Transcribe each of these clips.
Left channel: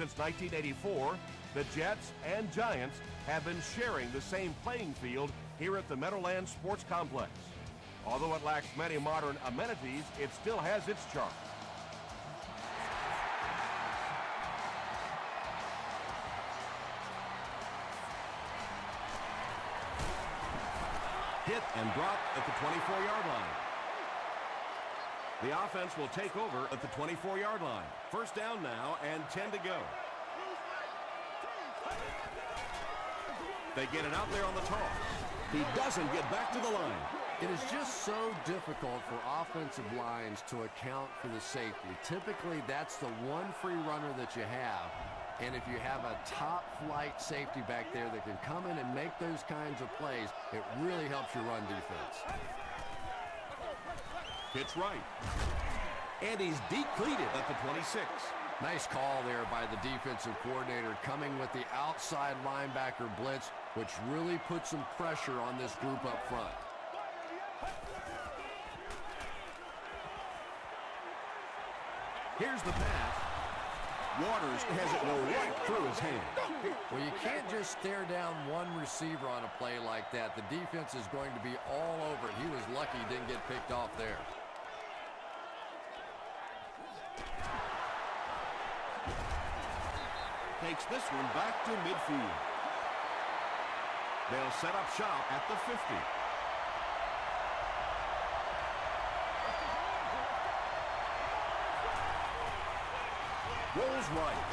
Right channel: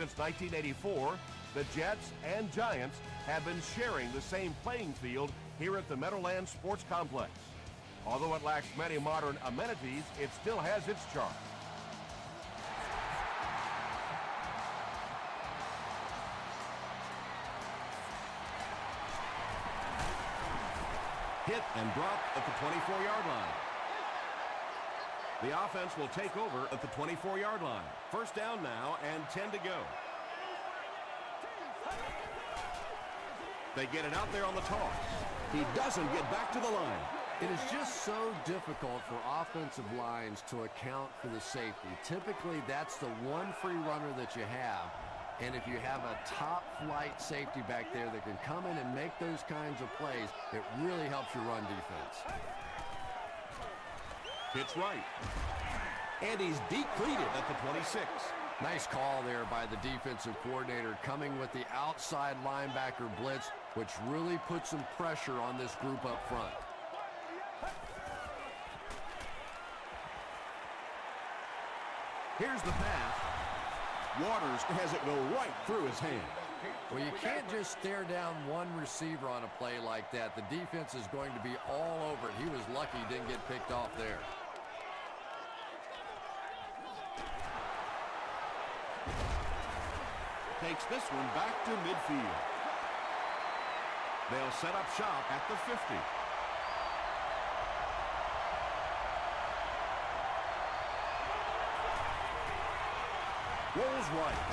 Since 1984, the Jets and Giants have been sharing the same playing field here at the Meadowlands Sports Complex. Although it lacks many modern amenities, it still has its charm. Hit and dropped at the 24-yard line. The offense will take over at the 24-yard line. First down now and 10 to go. They get it out there on the toss. He doesn't get back to the line. It is just so difficult for offensive lines to account for the safety. Typically, that's the one free runner that you have. And if you have a top-flight safety back there that can come in and make those kinds of plays, it really helps your run defense. Pitch right. And he's depleted at the 26. Nice call there by the defensive coordinator, coming with the outside linebacker blitz, which really puts some pressure on this group up front. Here's the pass. Waters has it go right through his hand. Well, you can't just stare down one receiver on a play like that. The defense is going to be all over it. He was lucky he didn't get picked off there. Takes this one back to midfield. They'll set up shop at the 50. Rolls right.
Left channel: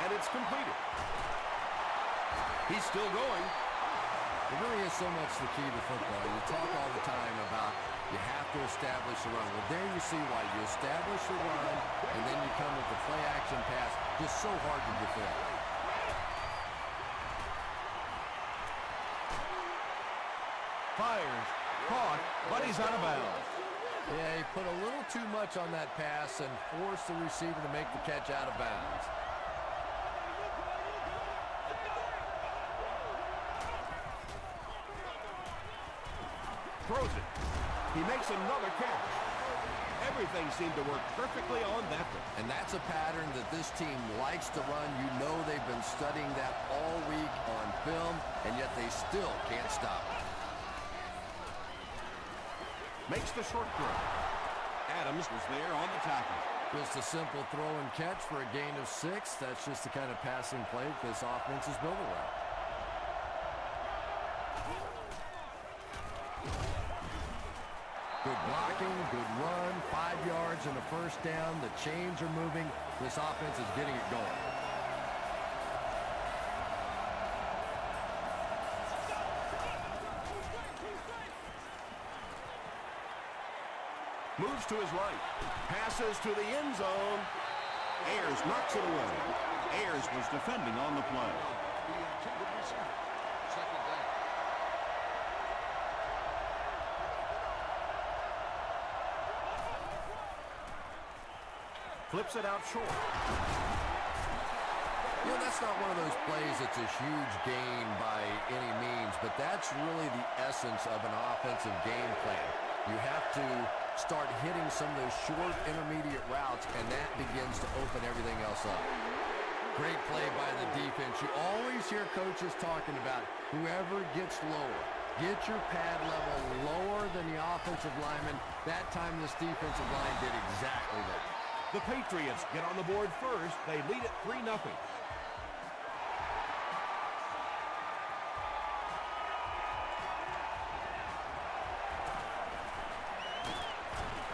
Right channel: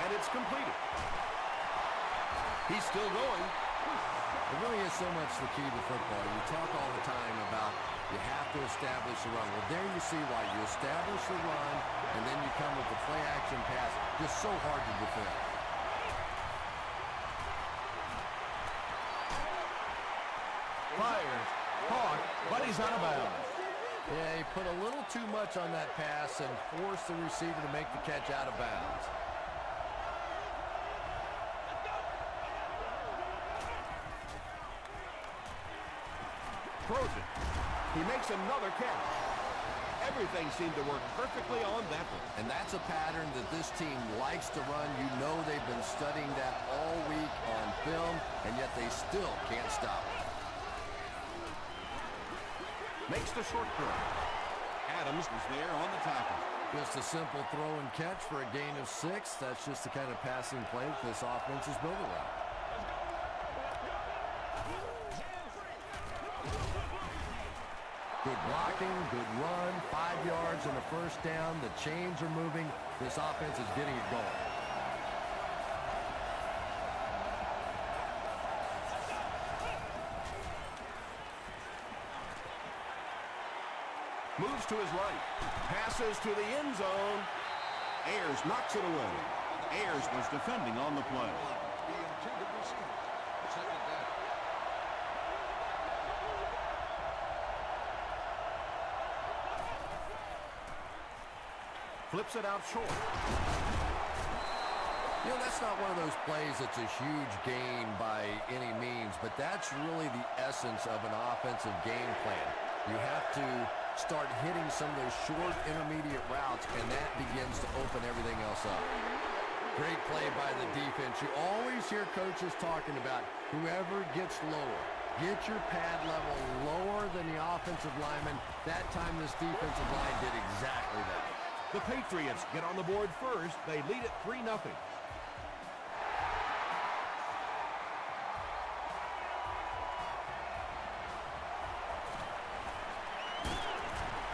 And it's completed. He's still going. It really is so much the key to football. You talk all the time about you have to establish the run. Well, there you see why. You establish the run, and then you come with the play-action pass. Just so hard to defend. Fires. Caught, but he's out of bounds. Yeah, he put a little too much on that pass and forced the receiver to make the catch out of bounds. Throws it. He makes another catch. Everything seemed to work perfectly on that one. And that's a pattern that this team likes to run. You know they've been studying that all week on film, and yet they still can't stop it. Makes the short throw. Adams was there on the tackle. Just a simple throw and catch for a gain of 6. That's just the kind of passing play this offense is built around. Good blocking, good run, 5 yards and a first down. The chains are moving. This offense is getting it going. Moves to his right. Passes to the end zone. Ayers knocks it away. Ayers was defending on the play. Flips it out short. You know, that's not one of those plays that's a huge gain by any means, but that's really the essence of an offensive game plan. You have to start hitting some of those short intermediate routes, and that begins to open everything else up. Great play by the defense. You always hear coaches talking about whoever gets lower. Get your pad level lower than the offensive lineman. That time this defensive line did exactly that. The Patriots get on the board first. They lead it 3-0.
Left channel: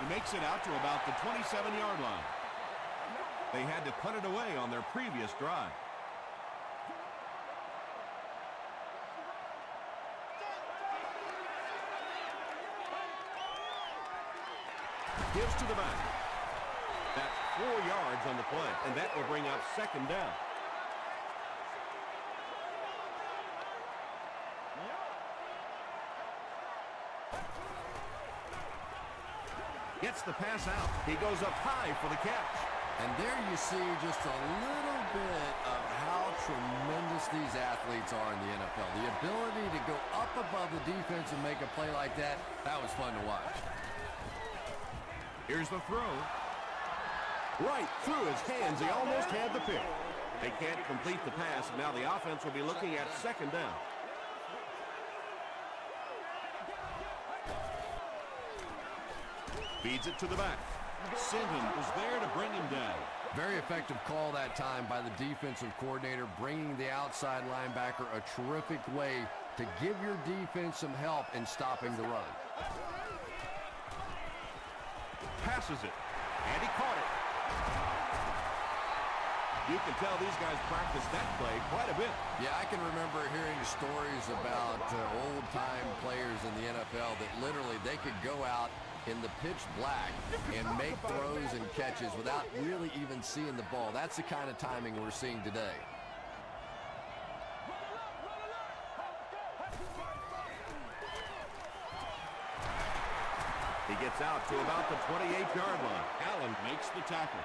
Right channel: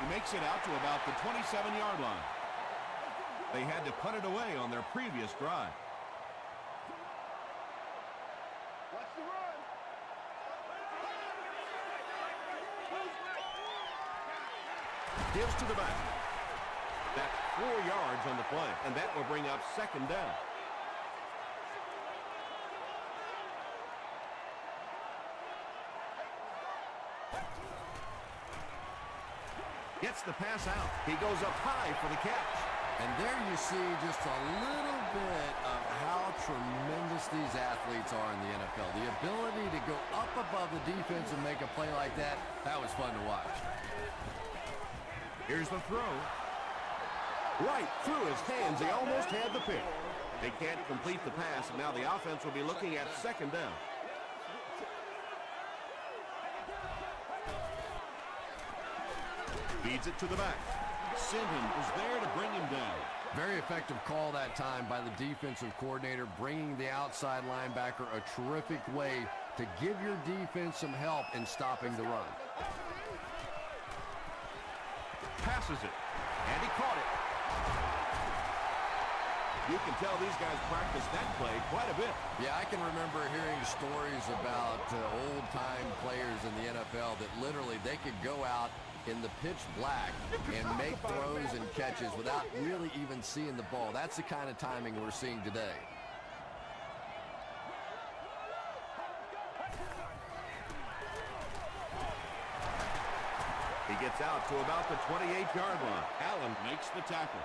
He makes it out to about the 27-yard line. They had to punt it away on their previous drive. Gives to the back. That's 4 yards on the play, and that will bring up second down. Gets the pass out. He goes up high for the catch. And there you see just a little bit of how tremendous these athletes are in the NFL. The ability to go up above the defense and make a play like that, that was fun to watch. Here's the throw. Right through his hands. He almost had the pick. They can't complete the pass, and now the offense will be looking at second down. Feeds it to the back. Sinton was there to bring him down. Very effective call that time by the defensive coordinator, bringing the outside linebacker, a terrific way to give your defense some help in stopping the run. Passes it, and he caught it. You can tell these guys practice that play quite a bit. Yeah, I can remember hearing stories about old-time players in the NFL that literally they could go out in the pitch black and make throws and catches without really even seeing the ball. That's the kind of timing we're seeing today. He gets out to about the 28-yard line. Allen makes the tackle.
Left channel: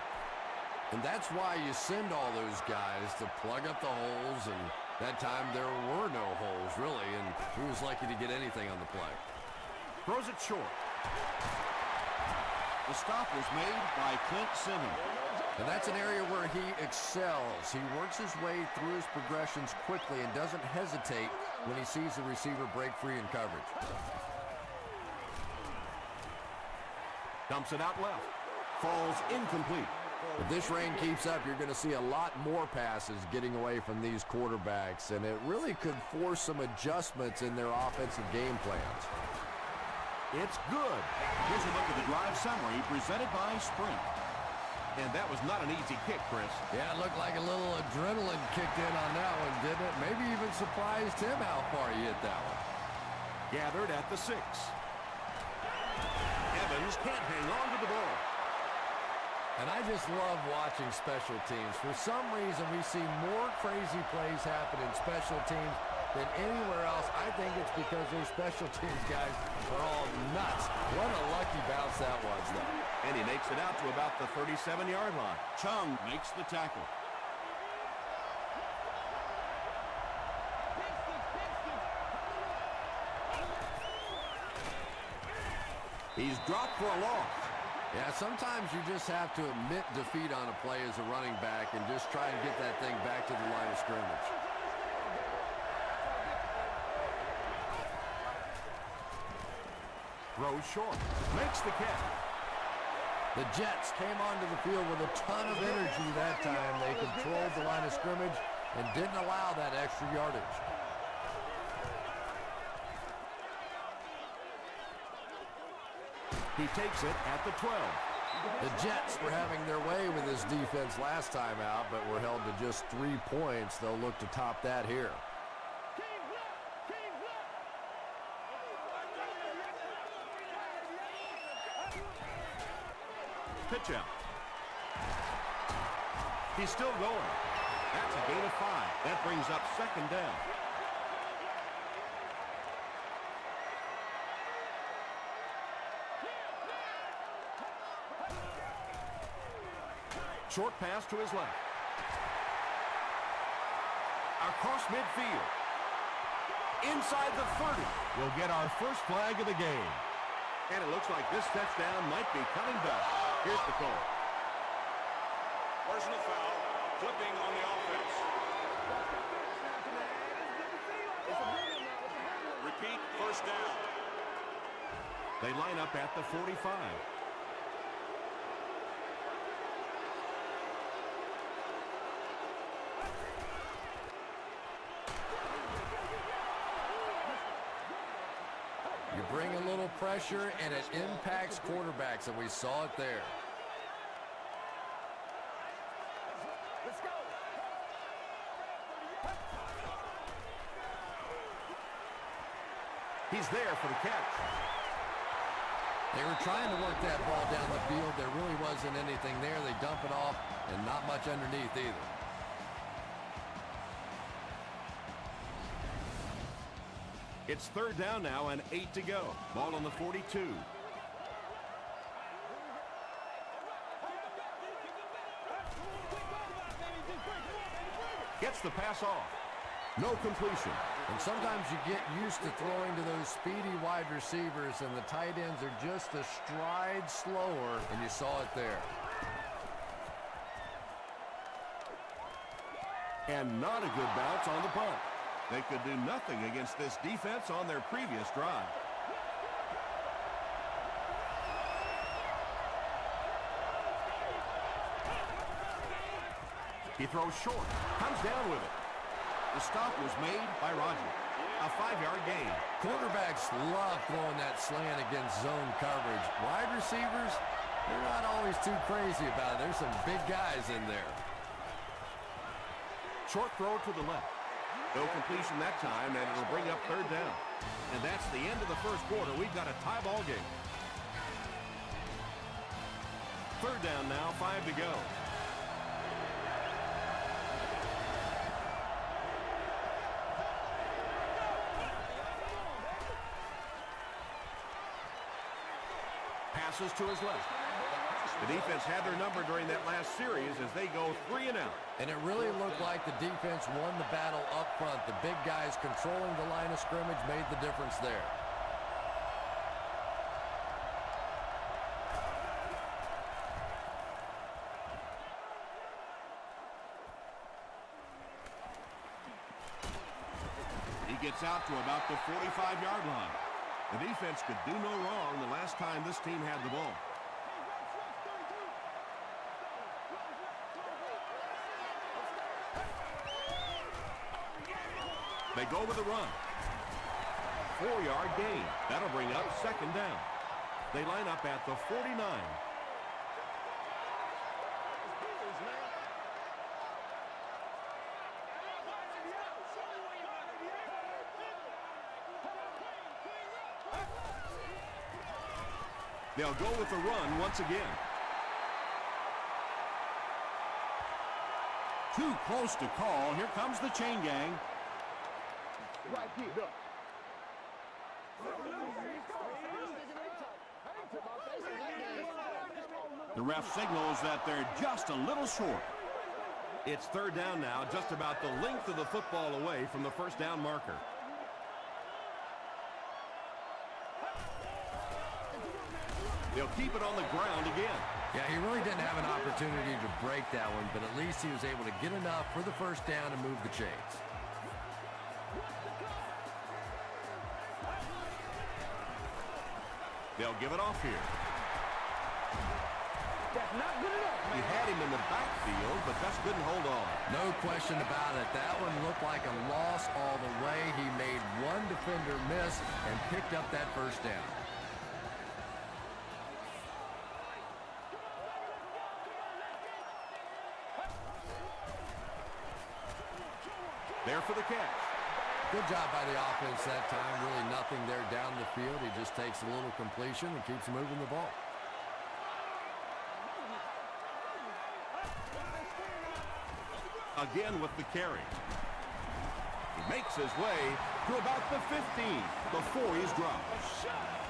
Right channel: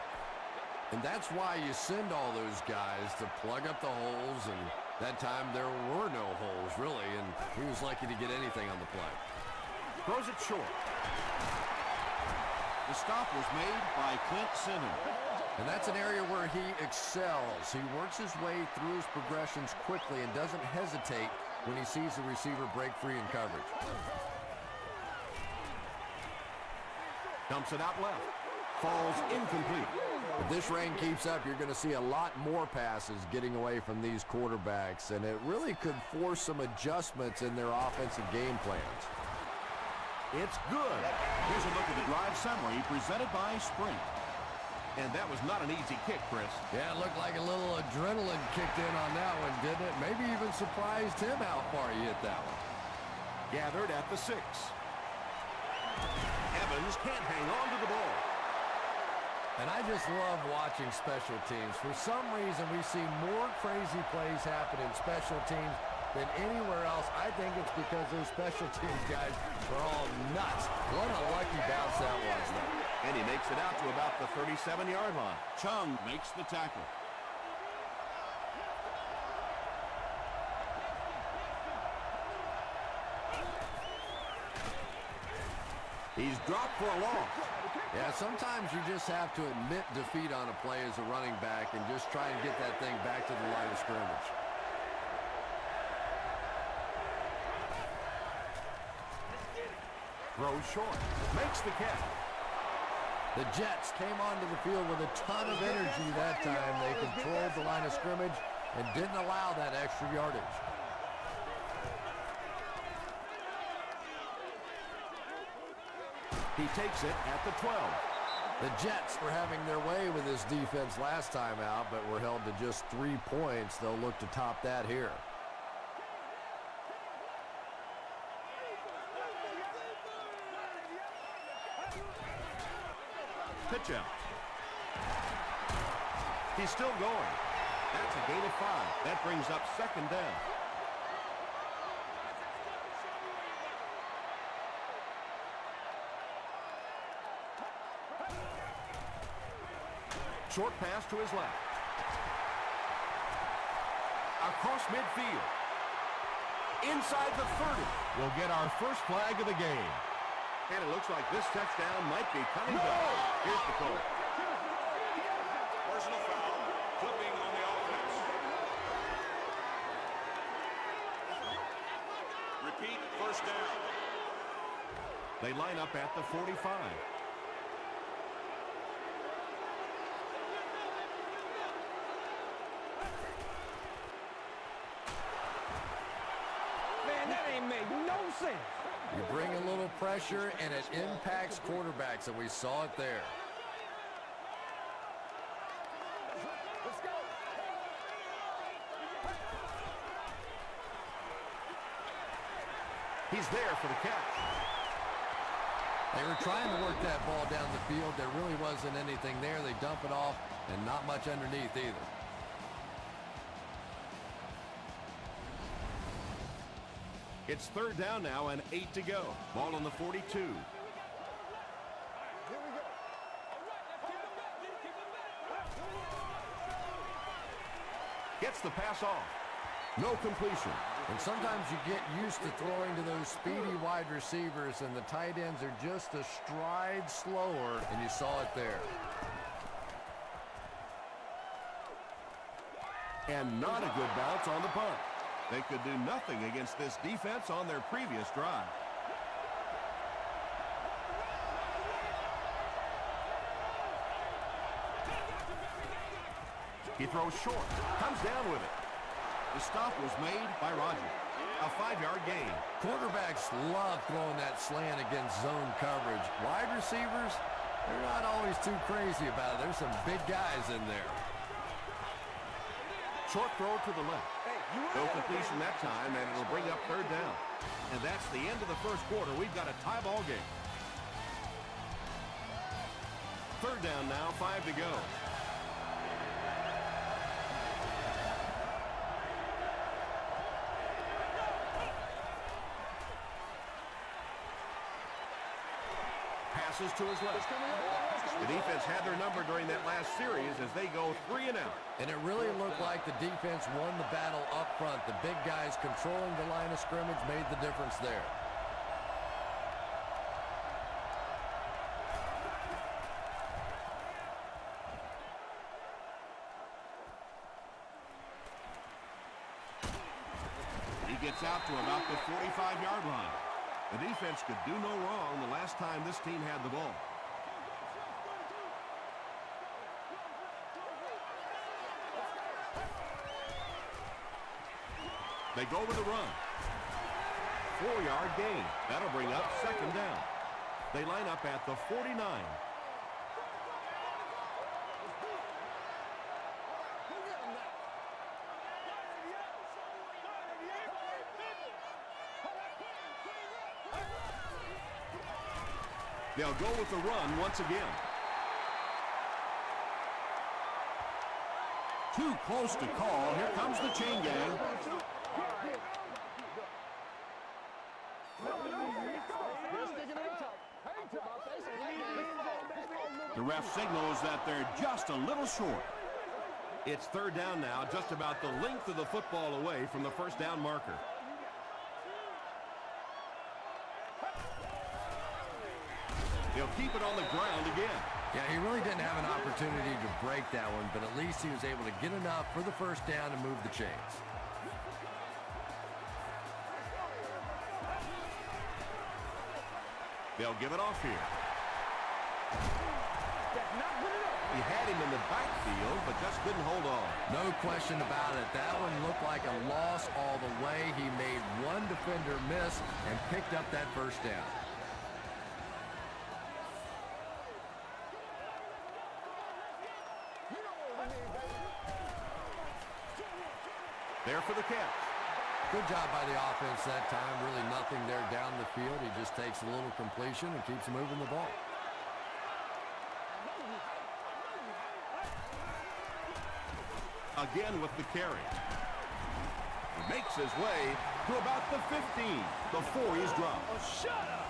And that's why you send all those guys to plug up the holes, and that time there were no holes, really, and he was lucky to get anything on the play. Throws it short. The stop was made by Clint Sinton. And that's an area where he excels. He works his way through his progressions quickly and doesn't hesitate when he sees the receiver break free in coverage. Dumps it out left. Falls incomplete. If this rain keeps up, you're going to see a lot more passes getting away from these quarterbacks, and it really could force some adjustments in their offensive game plans. It's good. Here's a look at the drive summary presented by Sprint. And that was not an easy kick, Chris. Yeah, it looked like a little adrenaline kicked in on that one, didn't it? Maybe even surprised him how far he hit that one. Gathered at the 6. Evans can't hang on to the ball. And I just love watching special teams. For some reason, we see more crazy plays happen in special teams than anywhere else. I think it's because those special teams guys are all nuts. What a lucky bounce that was, though. And he makes it out to about the 37-yard line. Chung makes the tackle. He's dropped for a loss. Yeah, sometimes you just have to admit defeat on a play as a running back and just try and get that thing back to the line of scrimmage. Throws short. Makes the catch. The Jets came onto the field with a ton of energy that time. They controlled the line of scrimmage and didn't allow that extra yardage. He takes it at the 12. The Jets were having their way with this defense last time out, but were held to just 3 points. They'll look to top that here. Pitch out. He's still going. That's a gain of 5. That brings up second down. Short pass to his left. Across midfield. Inside the 30. We'll get our first flag of the game. And it looks like this touchdown might be coming back. Here's the call. Repeat, first down. They line up at the 45. You bring a little pressure, and it impacts quarterbacks, and we saw it there. Let's go. He's there for the catch. They were trying to work that ball down the field. There really wasn't anything there. They dump it off, and not much underneath either. It's third down now and 8 to go. Ball on the 42. Here we go. All right, let's keep them back. Keep them back. Gets the pass off. No completion. And sometimes you get used to throwing to those speedy wide receivers, and the tight ends are just a stride slower, and you saw it there. And not a good bounce on the punt. They could do nothing against this defense on their previous drive. He throws short, comes down with it. The stop was made by Roger. A 5-yard gain. Quarterbacks love throwing that slant against zone coverage. Wide receivers, they're not always too crazy about it. There's some big guys in there. Short throw to the left. No completion that time, and it'll bring up 3rd down. And that's the end of the first quarter. We've got a tie ball game. 3rd down now, 5 to go. Passes to his left. The defense had their number during that last series as they go 3 and out. And it really looked like the defense won the battle up front. The big guys controlling the line of scrimmage made the difference there. He gets out to about the 45-yard line. The defense could do no wrong the last time this team had the ball. They go with a run. 4-yard gain. That'll bring up 2nd down. They line up at the 49. They'll go with the run once again. Too close to call. Here comes the chain gang. The ref signals that they're just a little short. It's 3rd down now, just about the length of the football away from the 1st down marker. They'll keep it on the ground again. Yeah, he really didn't have an opportunity to break that one, but at least he was able to get enough for the 1st down and move the chains. They'll give it off here. That's not good enough, man. He had him in the backfield, but just couldn't hold on. No question about it. That one looked like a loss all the way. He made one defender miss and picked up that 1st down. There for the catch. Good job by the offense that time. Really nothing there down the field. He just takes a little completion and keeps moving the ball. Again with the carry. He makes his way to about the 15 before he's dropped. Oh, shut up!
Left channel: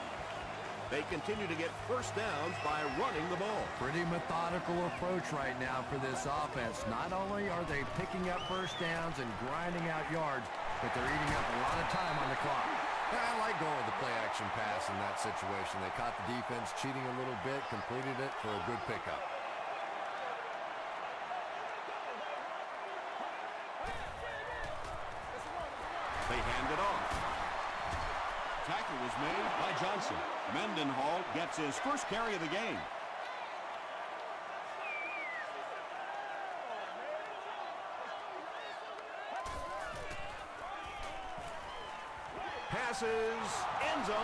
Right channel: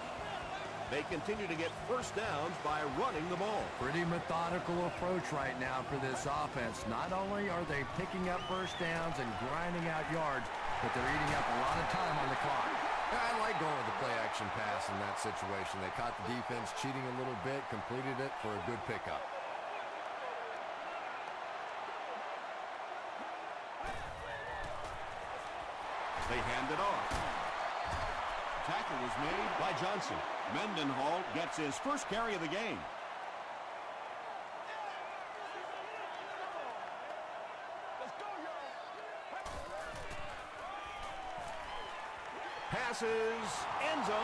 They continue to get 1st downs by running the ball. Pretty methodical approach right now for this offense. Not only are they picking up 1st downs and grinding out yards, but they're eating up a lot of time on the clock. I like going with the play-action pass in that situation. They caught the defense cheating a little bit, completed it for a good pickup. They hand it off. Tackle was made by Johnson. Mendenhall gets his 1st carry of the game. Passes, end zone,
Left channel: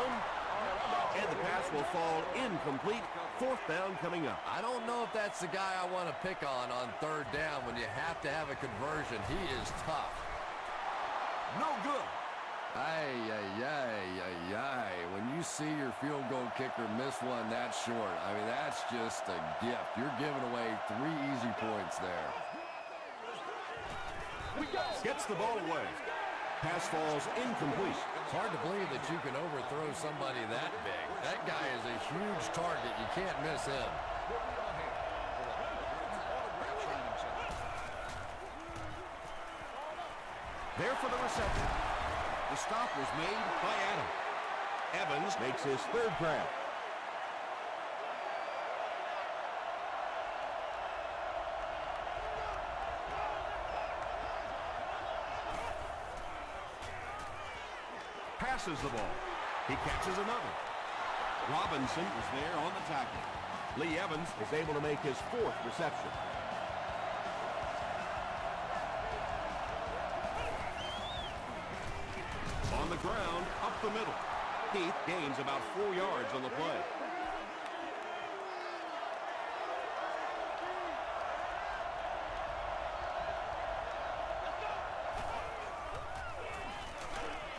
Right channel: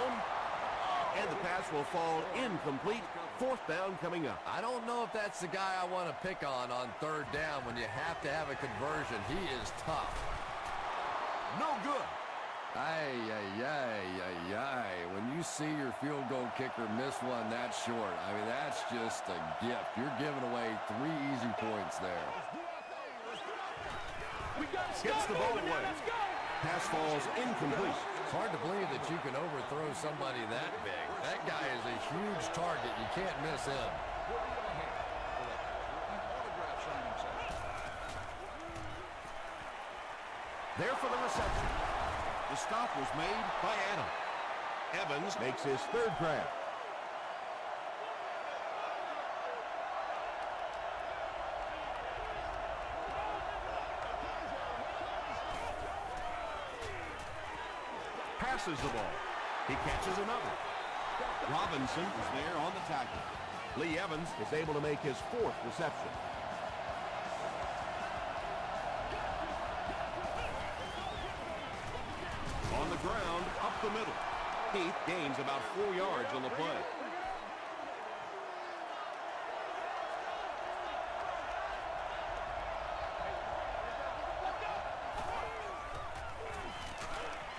and the pass will fall incomplete. 4th down coming up. I don't know if that's the guy I want to pick on 3rd down when you have to have a conversion. He is tough. No good. Ay, ay, ay, ay, ay. When you see your field goal kicker miss one that short, I mean, that's just a gift. You're giving away 3 easy points there. Gets the ball away. Pass falls incomplete. It's hard to believe that you can overthrow somebody that big. That guy is a huge target. You can't miss him. There for the reception. The stop was made by Adam. Evans makes his 3rd grab. passes the ball. He catches another. Robinson is there on the tackle. Lee Evans is able to make his 4th reception. On the ground, up the middle. Heath gains about 4 yards on the play.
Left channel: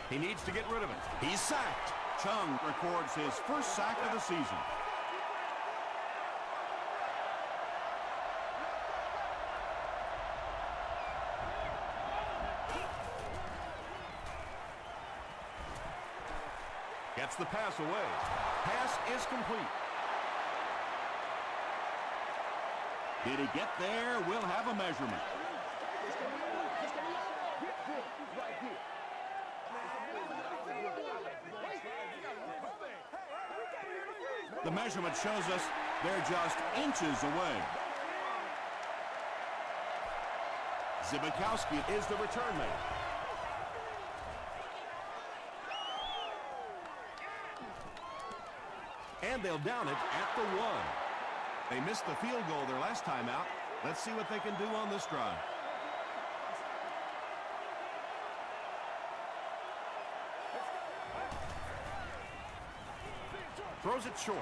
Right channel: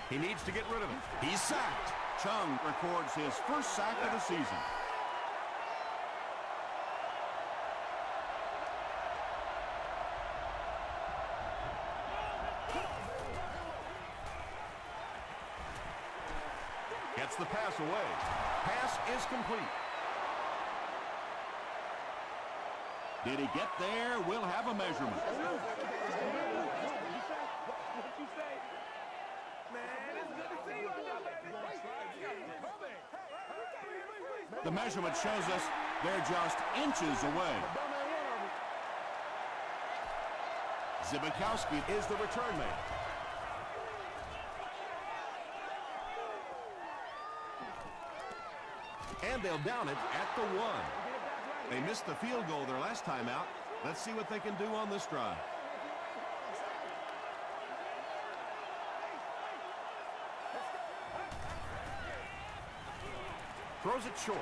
He needs to get rid of it. He's sacked. Chung records his first sack of the season. Gets the pass away. Pass is complete. Did he get there? We'll have a measurement. The measurement shows us they're just inches away. Zibikowski is the return man. And they'll down it at the 1. They missed the field goal their last time out. Let's see what they can do on this drive. Throws it short.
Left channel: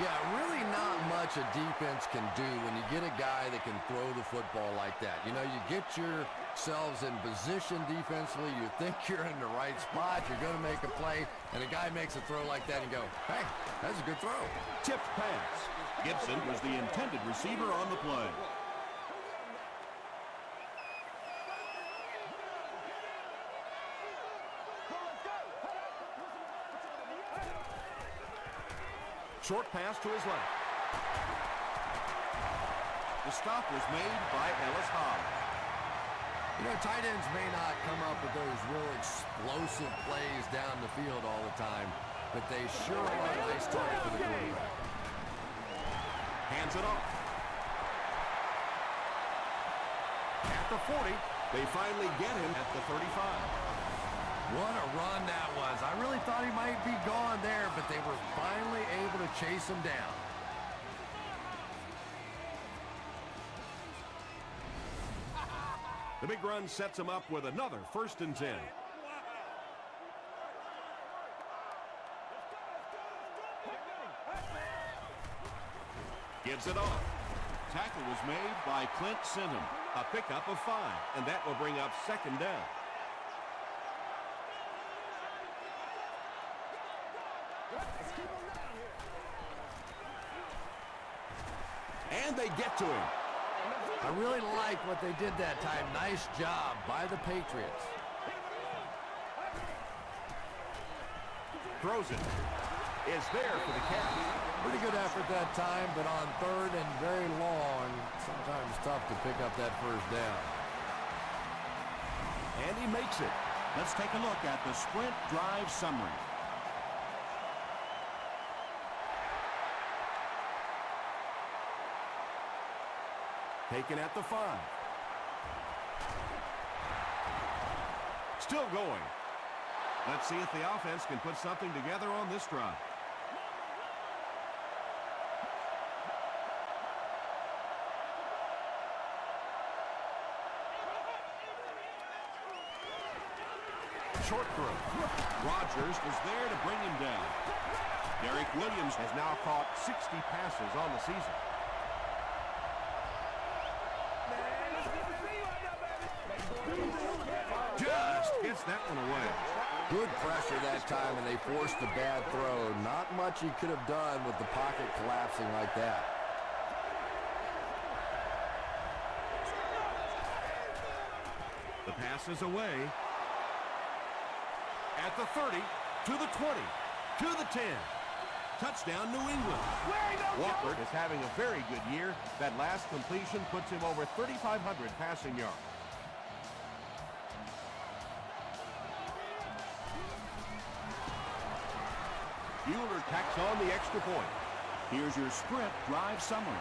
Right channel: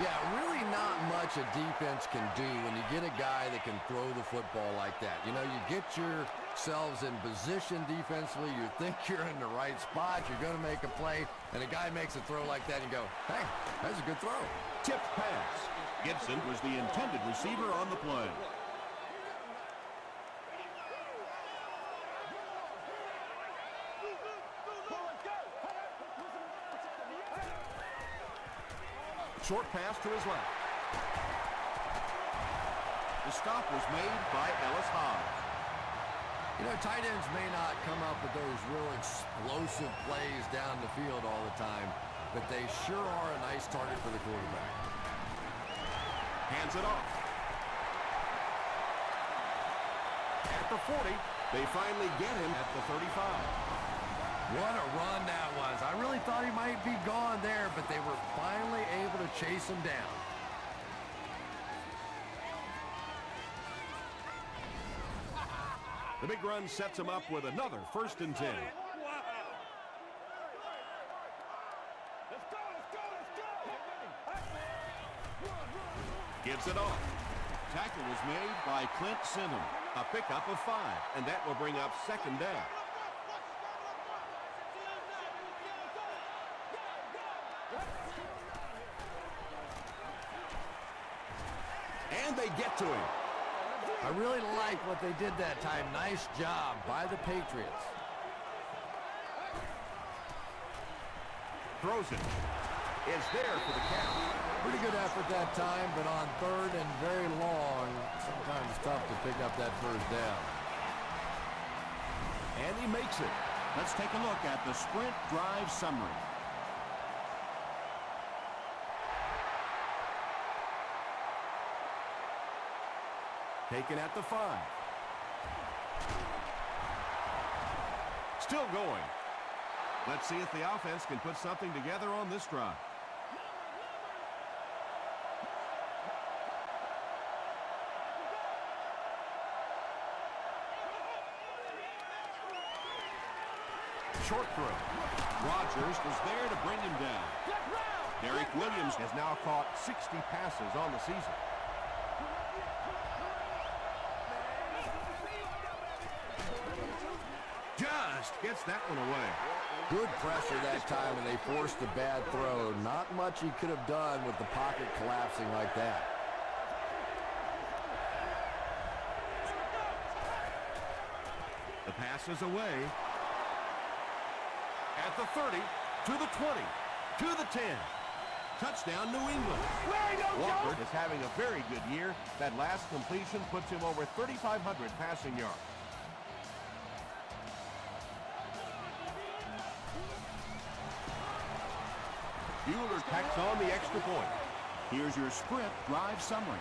Yeah, really not much a defense can do when you get a guy that can throw the football like that. You know, you get yourselves in position defensively. You think you're in the right spot. You're going to make a play, and a guy makes a throw like that and you go, hey, that's a good throw. Tipped pass. Gibson was the intended receiver on the play. Short pass to his left. The stop was made by Ellis Hodge. You know, tight ends may not come up with those real explosive plays down the field all the time, but they sure are a nice target for the quarterback. Hands it off. At the 40, they finally get him at the 35. What a run that was. I really thought he might be gone there, but they were finally able to chase him down. The big run sets him up with another 1st and 10. Let's go. Gives it off. Tackle was made by Clint Sinham. A pickup of 5, and that will bring up 2nd down. And they get to him. I really like what they did that time. Nice job by the Patriots. Throws it. Is there for the catch. Pretty good effort that time, but on 3rd and very long, sometimes tough to pick up that 1st down. And he makes it. Let's take a look at the sprint drive summary. Taken at the 5. Still going. Let's see if the offense can put something together on this drive. Short throw. Rodgers was there to bring him down. Derek Williams has now caught 60 passes on the season. Just gets that one away. Good pressure that time, and they forced a bad throw. Not much he could have done with the pocket collapsing like that. The pass is away. At the 30, to the 20, to the 10. Touchdown, New England. Walker is having a very good year. That last completion puts him over 3,500 passing yards. Bueller tacks on the extra point. Here's your sprint drive summary.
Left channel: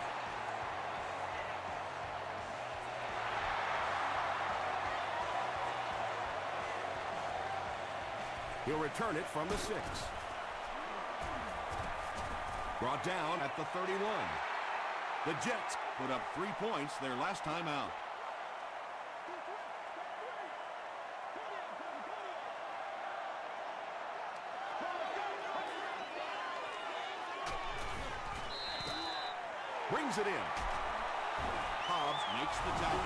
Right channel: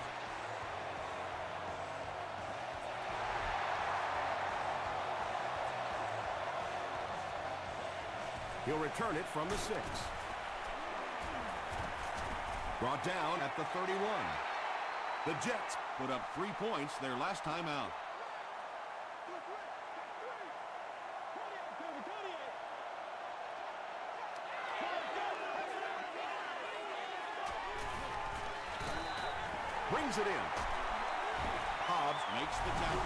He'll return it from the 6. Brought down at the 31. The Jets put up 3 points their last time out. Brings it in. Hobbs makes the tackle.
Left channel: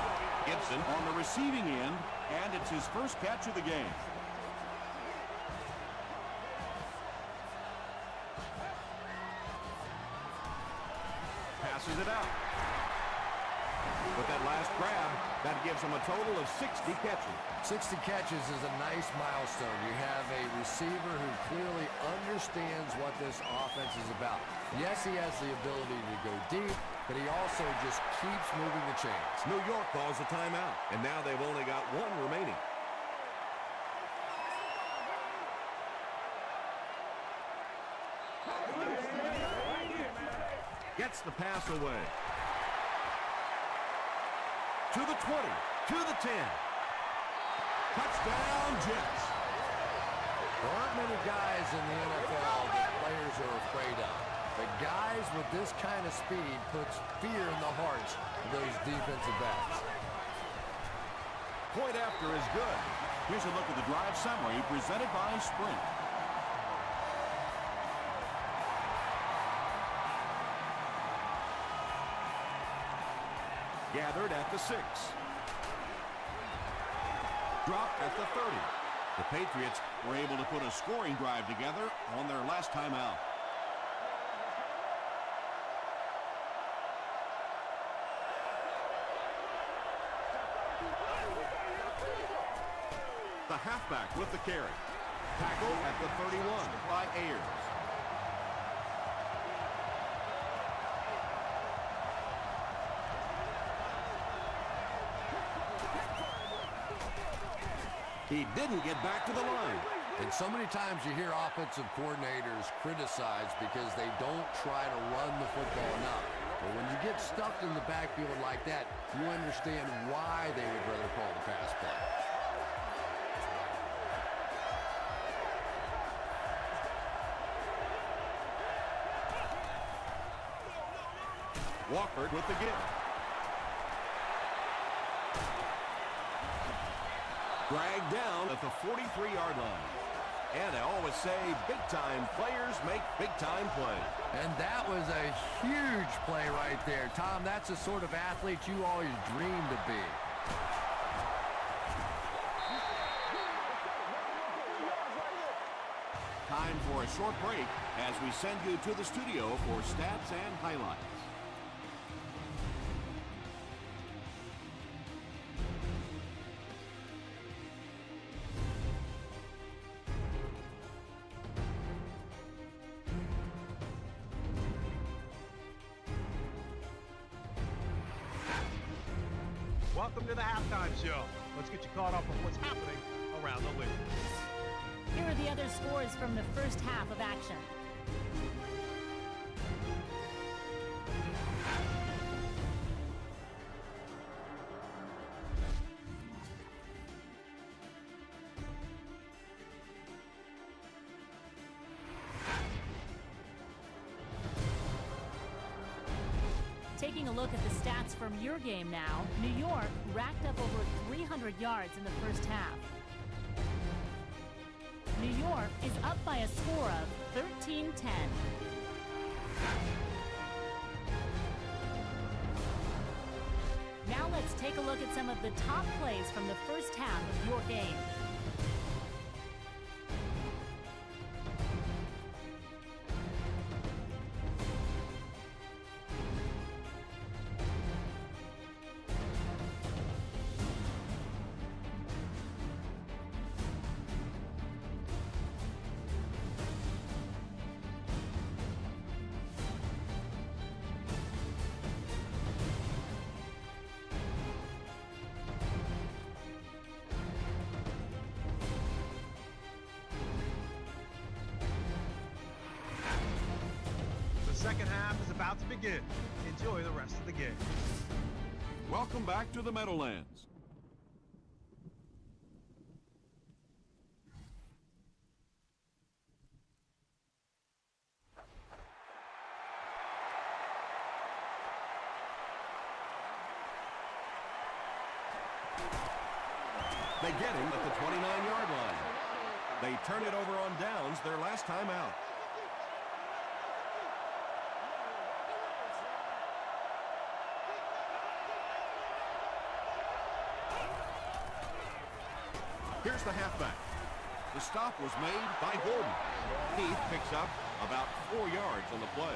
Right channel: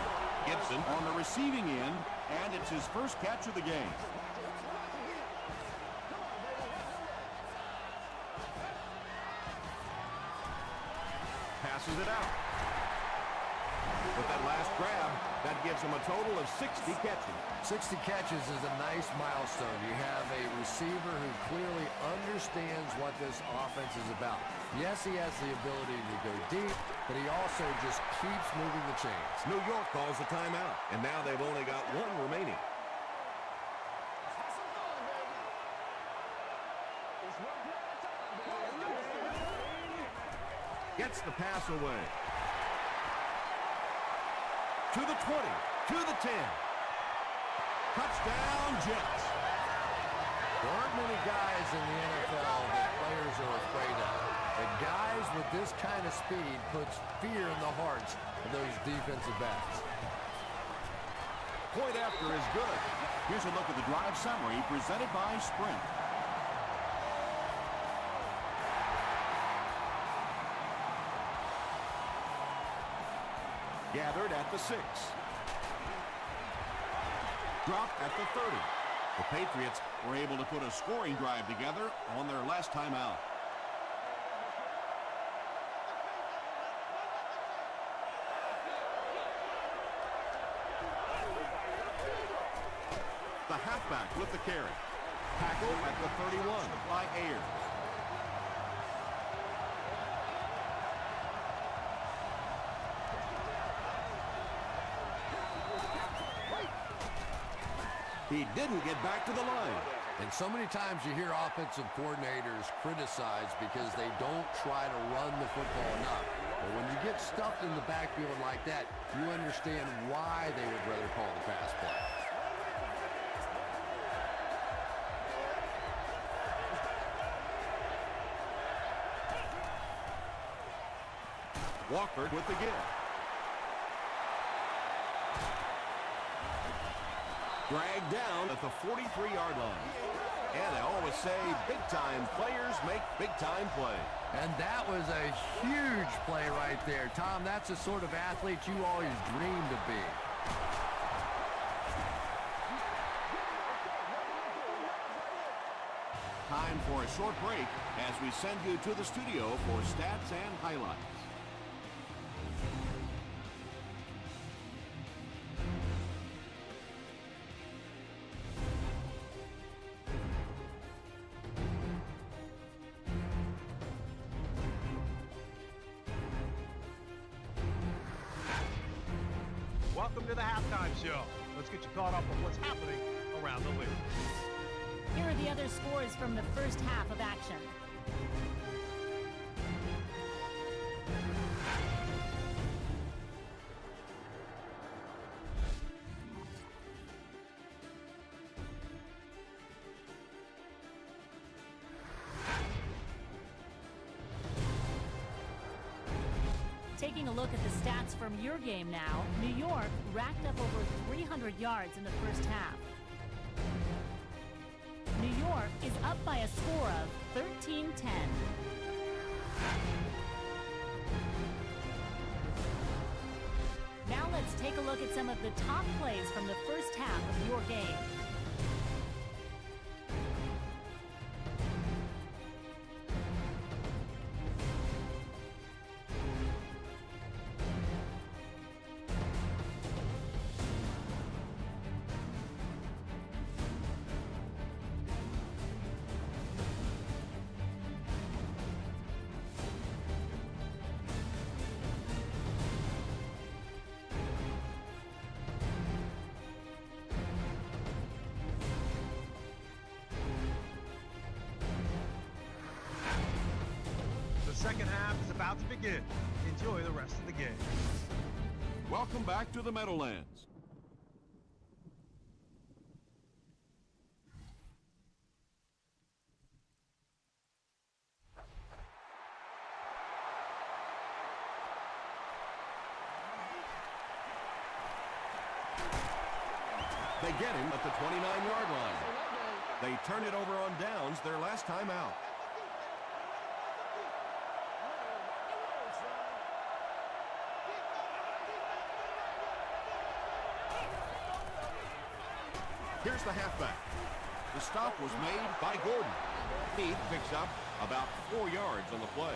Gibson on the receiving end, and it's his first catch of the game. Passes it out. With that last grab, that gives him a total of 60 catches. 60 catches is a nice milestone. You have a receiver who clearly understands what this offense is about. Yes, he has the ability to go deep, but he also just keeps moving the chains. New York calls a timeout, and now they've only got 1 remaining. Gets the pass away. To the 20, to the 10. Touchdown, Jets. There aren't many guys in the NFL that players are afraid of. The guys with this kind of speed puts fear in the hearts of those defensive backs. Point after is good. Here's a look at the drive summary presented by Sprint. Gathered at the 6. Dropped at the 30. The Patriots were able to put a scoring drive together on their last time out. The halfback with the carry. Tackle at the 31 by Ayers. He didn't get back to the line. And so many times you hear offensive coordinators criticized because they don't try to run the football enough. But when you get stuffed in the backfield like that, you understand why they would rather call the pass play. Walker with the give. Dragged down at the 43-yard line. And I always say, big-time players make big-time plays. And that was a huge play right there. Tom, that's the sort of athlete you always dreamed of being. Time for a short break as we send you to the studio for stats and highlights. Welcome to the halftime show. Let's get you caught up on what's happening around the league. Here are the other scores from the first half of action. Taking a look at the stats from your game now, New York racked up over 300 yards in the first half. New York is up by a score of 13-10. Now let's take a look at some of the top plays from the first half of your game. The second half is about to begin. Enjoy the rest of the game. Welcome back to the Meadowlands. They get him at the 29-yard line. They turn it over on downs their last time out. Here's the halfback. The stop was made by Gordon. Heath picks up about 4 yards on the play.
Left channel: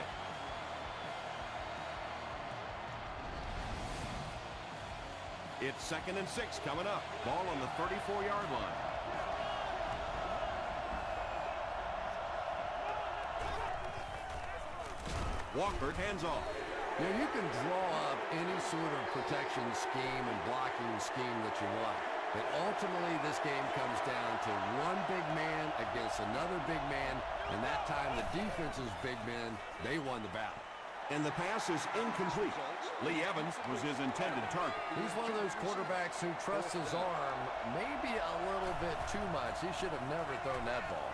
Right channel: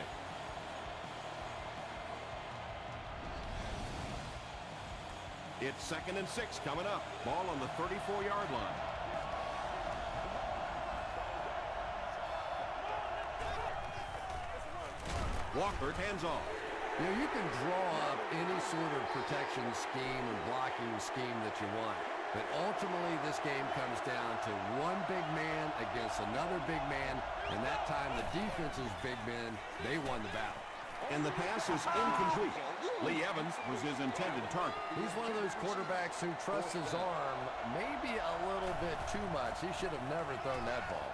It's 2nd and 6 coming up. Ball on the 34-yard line. Walker hands off. You know, you can draw up any sort of protection scheme and blocking scheme that you want. But ultimately, this game comes down to one big man against another big man. And that time, the defense's big men, they won the battle. And the pass is incomplete. Lee Evans was his intended target. He's one of those quarterbacks who trusts his arm maybe a little bit too much. He should have never thrown that ball.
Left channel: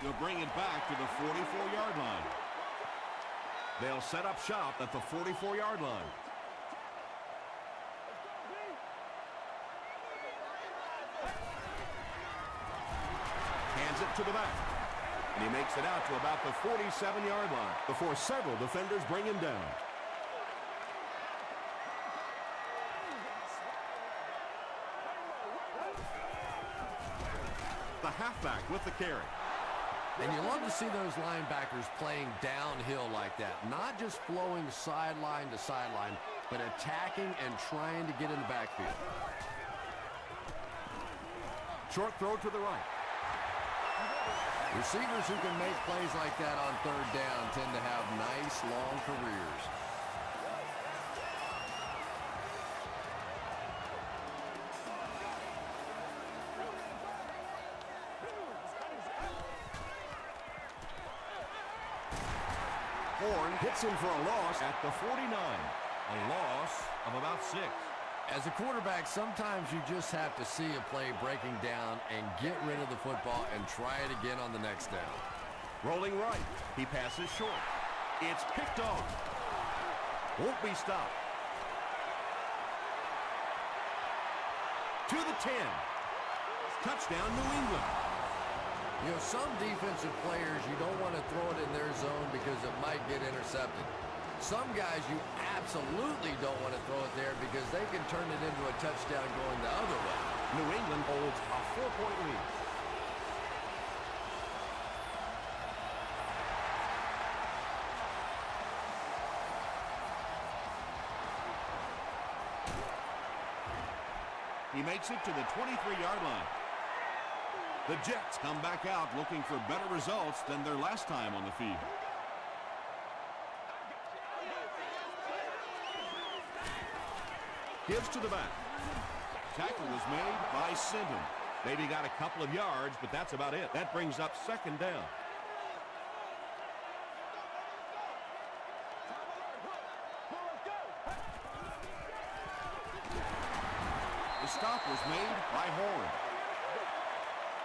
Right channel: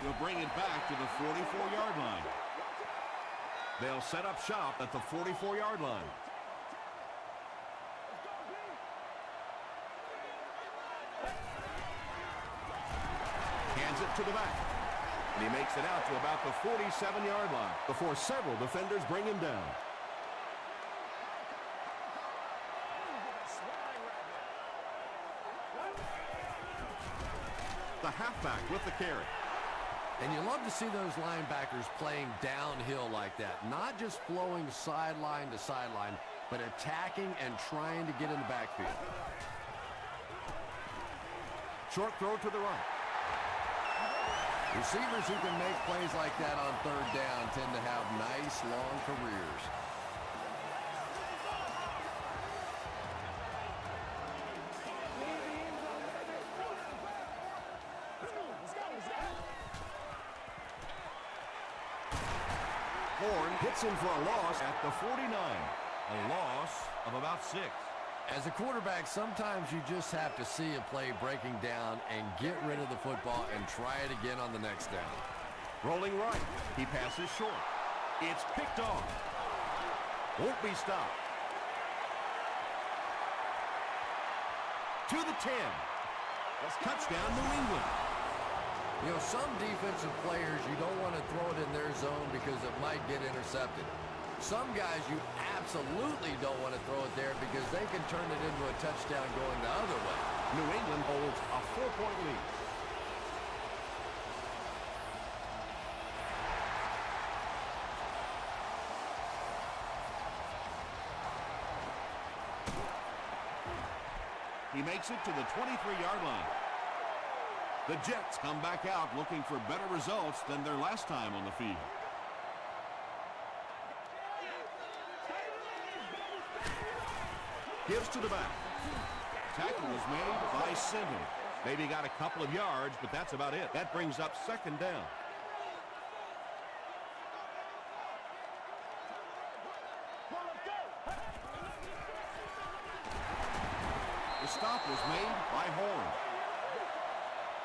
They'll bring it back to the 44-yard line. They'll set up shop at the 44-yard line. Hands it to the back. And he makes it out to about the 47-yard line before several defenders bring him down. The halfback with the carry. And you love to see those linebackers playing downhill like that. Not just flowing sideline to sideline, but attacking and trying to get in the backfield. Short throw to the right. Receivers who can make plays like that on 3rd down tend to have nice, long careers. Horn hits him for a loss at the 49. A loss of about 6. As a quarterback, sometimes you just have to see a play breaking down and get rid of the football and try it again on the next down. Rolling right. He passes short. It's picked off. Won't be stopped. To the 10. Touchdown, New England. You know, some defensive players, you don't want to throw it in their zone because it might get intercepted. Some guys, you absolutely don't want to throw it there because they can turn it into a touchdown going the other way. New England holds a 4-point lead. He makes it to the 23-yard line. The Jets come back out looking for better results than their last time on the field. Gives to the back. Tackle was made by Sindham. Maybe got a couple of yards, but that's about it. That brings up 2nd down. The stop was made by Horn.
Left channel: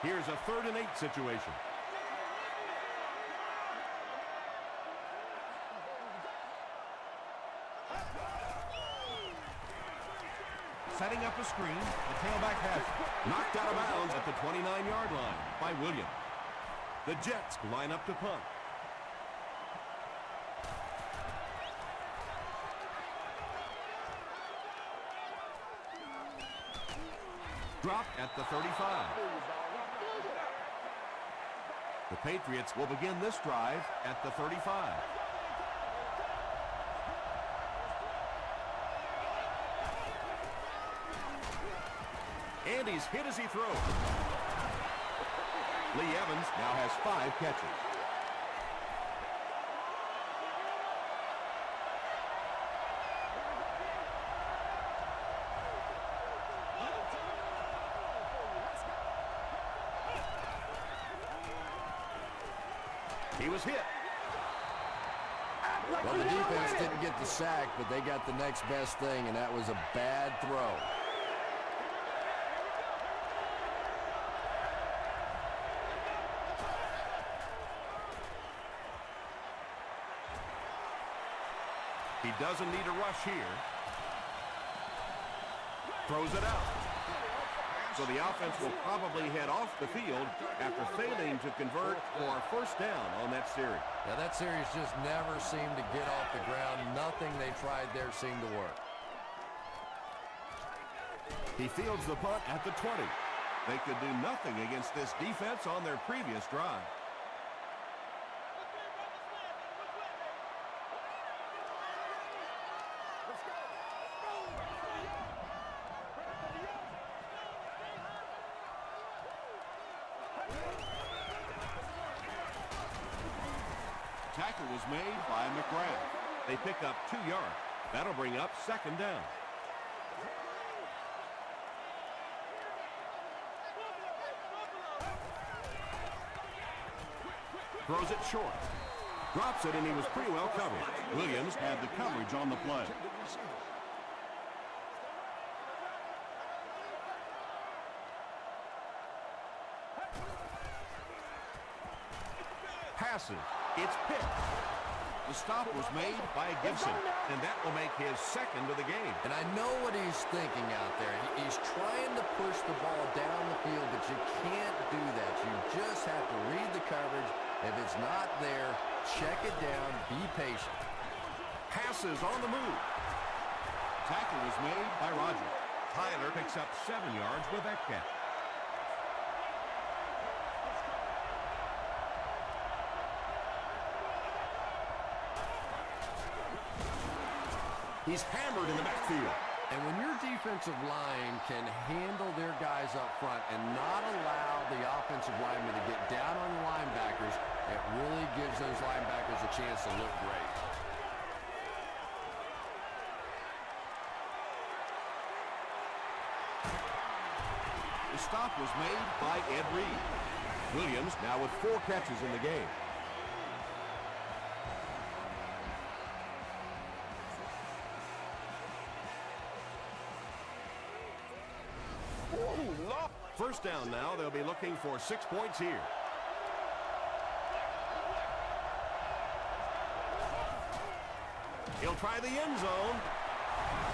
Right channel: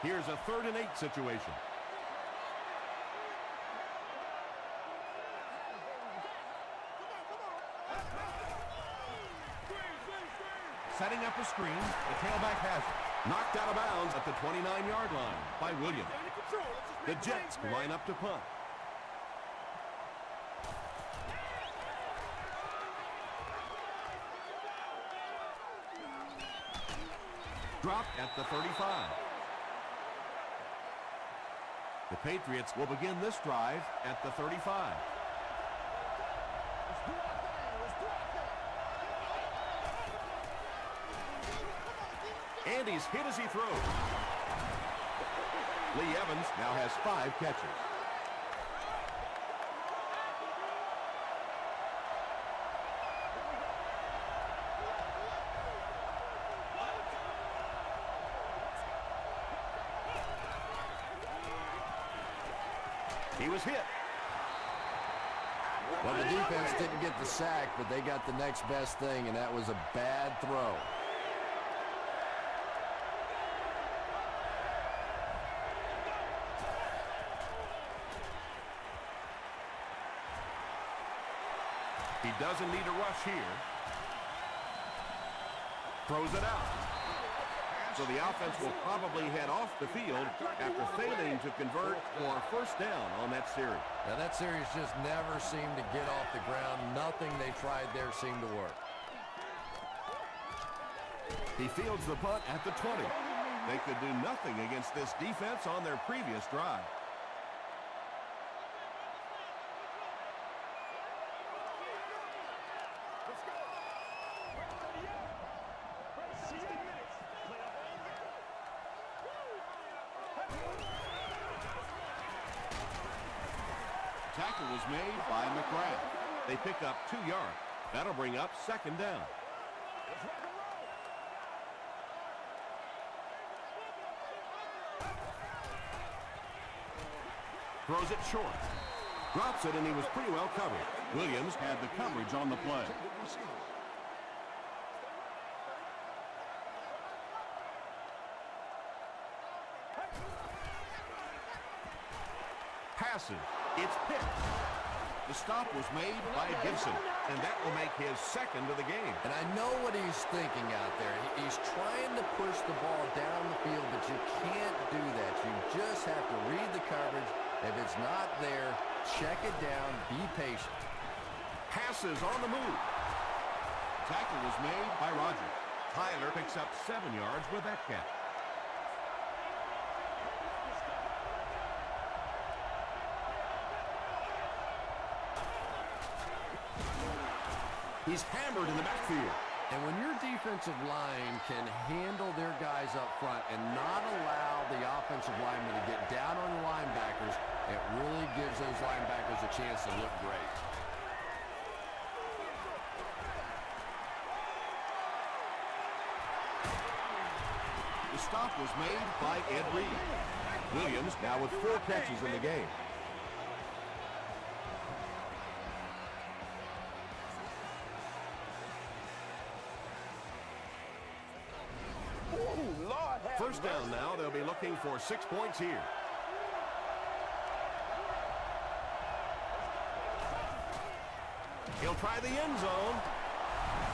Here's a 3rd and 8 situation. Setting up a screen, the tailback has it. Knocked out of bounds at the 29-yard line by Williams. The Jets line up to punt. Dropped at the 35. The Patriots will begin this drive at the 35. And he's hit as he throws. Lee Evans now has 5 catches. He was hit. Well, the defense didn't get the sack, but they got the next best thing, and that was a bad throw. He doesn't need to rush here. Throws it out. So the offense will probably head off the field after failing to convert for a first down on that series. Yeah, that series just never seemed to get off the ground. Nothing they tried there seemed to work. He fields the punt at the 20. They could do nothing against this defense on their previous drive. Let's go. Press to the yoke. Press to the yoke. Tackle was made by McGrath. They pick up 2 yards. That'll bring up second down. Throws it short. Drops it, and he was pretty well covered. Williams had the coverage on the play. Passes. It's picked. The stop was made by Gibson, and that will make his second of the game. And I know what he's thinking out there. He's trying to push the ball down the field, but you can't do that. You just have to read the coverage. If it's not there, check it down, be patient. Passes on the move. Tackle was made by Rogers. Tyler picks up 7 yards with that catch. He's hammered in the backfield. And when your defensive line can handle their guys up front and not allow the offensive linemen to get down on the linebackers, it really gives those linebackers a chance to look great. The stop was made by Ed Reed. Williams now with 4 catches in the game. First down now. They'll be looking for 6 points here. He'll try the end zone.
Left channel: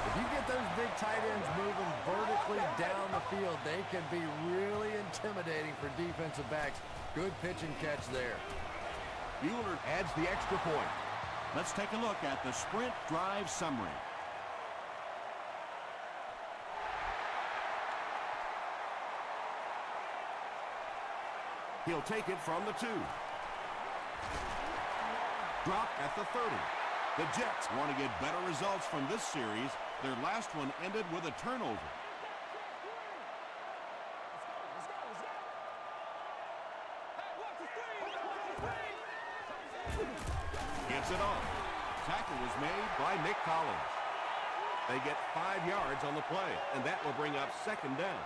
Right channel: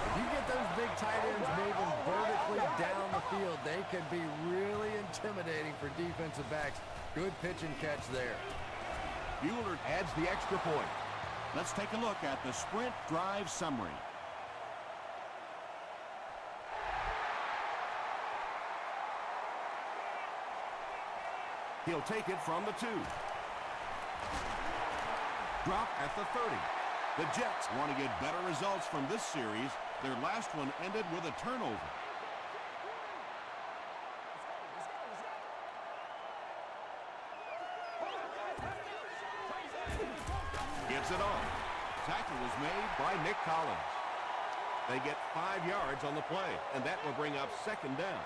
If you get those big tight ends moving vertically down the field, they can be really intimidating for defensive backs. Good pitch and catch there. Bueller adds the extra point. Let's take a look at the sprint drive summary. He'll take it from the 2. Drop at the 30. The Jets want to get better results from this series. Their last one ended with a turnover. Gives it off. Tackle was made by Nick Collins. They get 5 yards on the play, and that will bring up second down.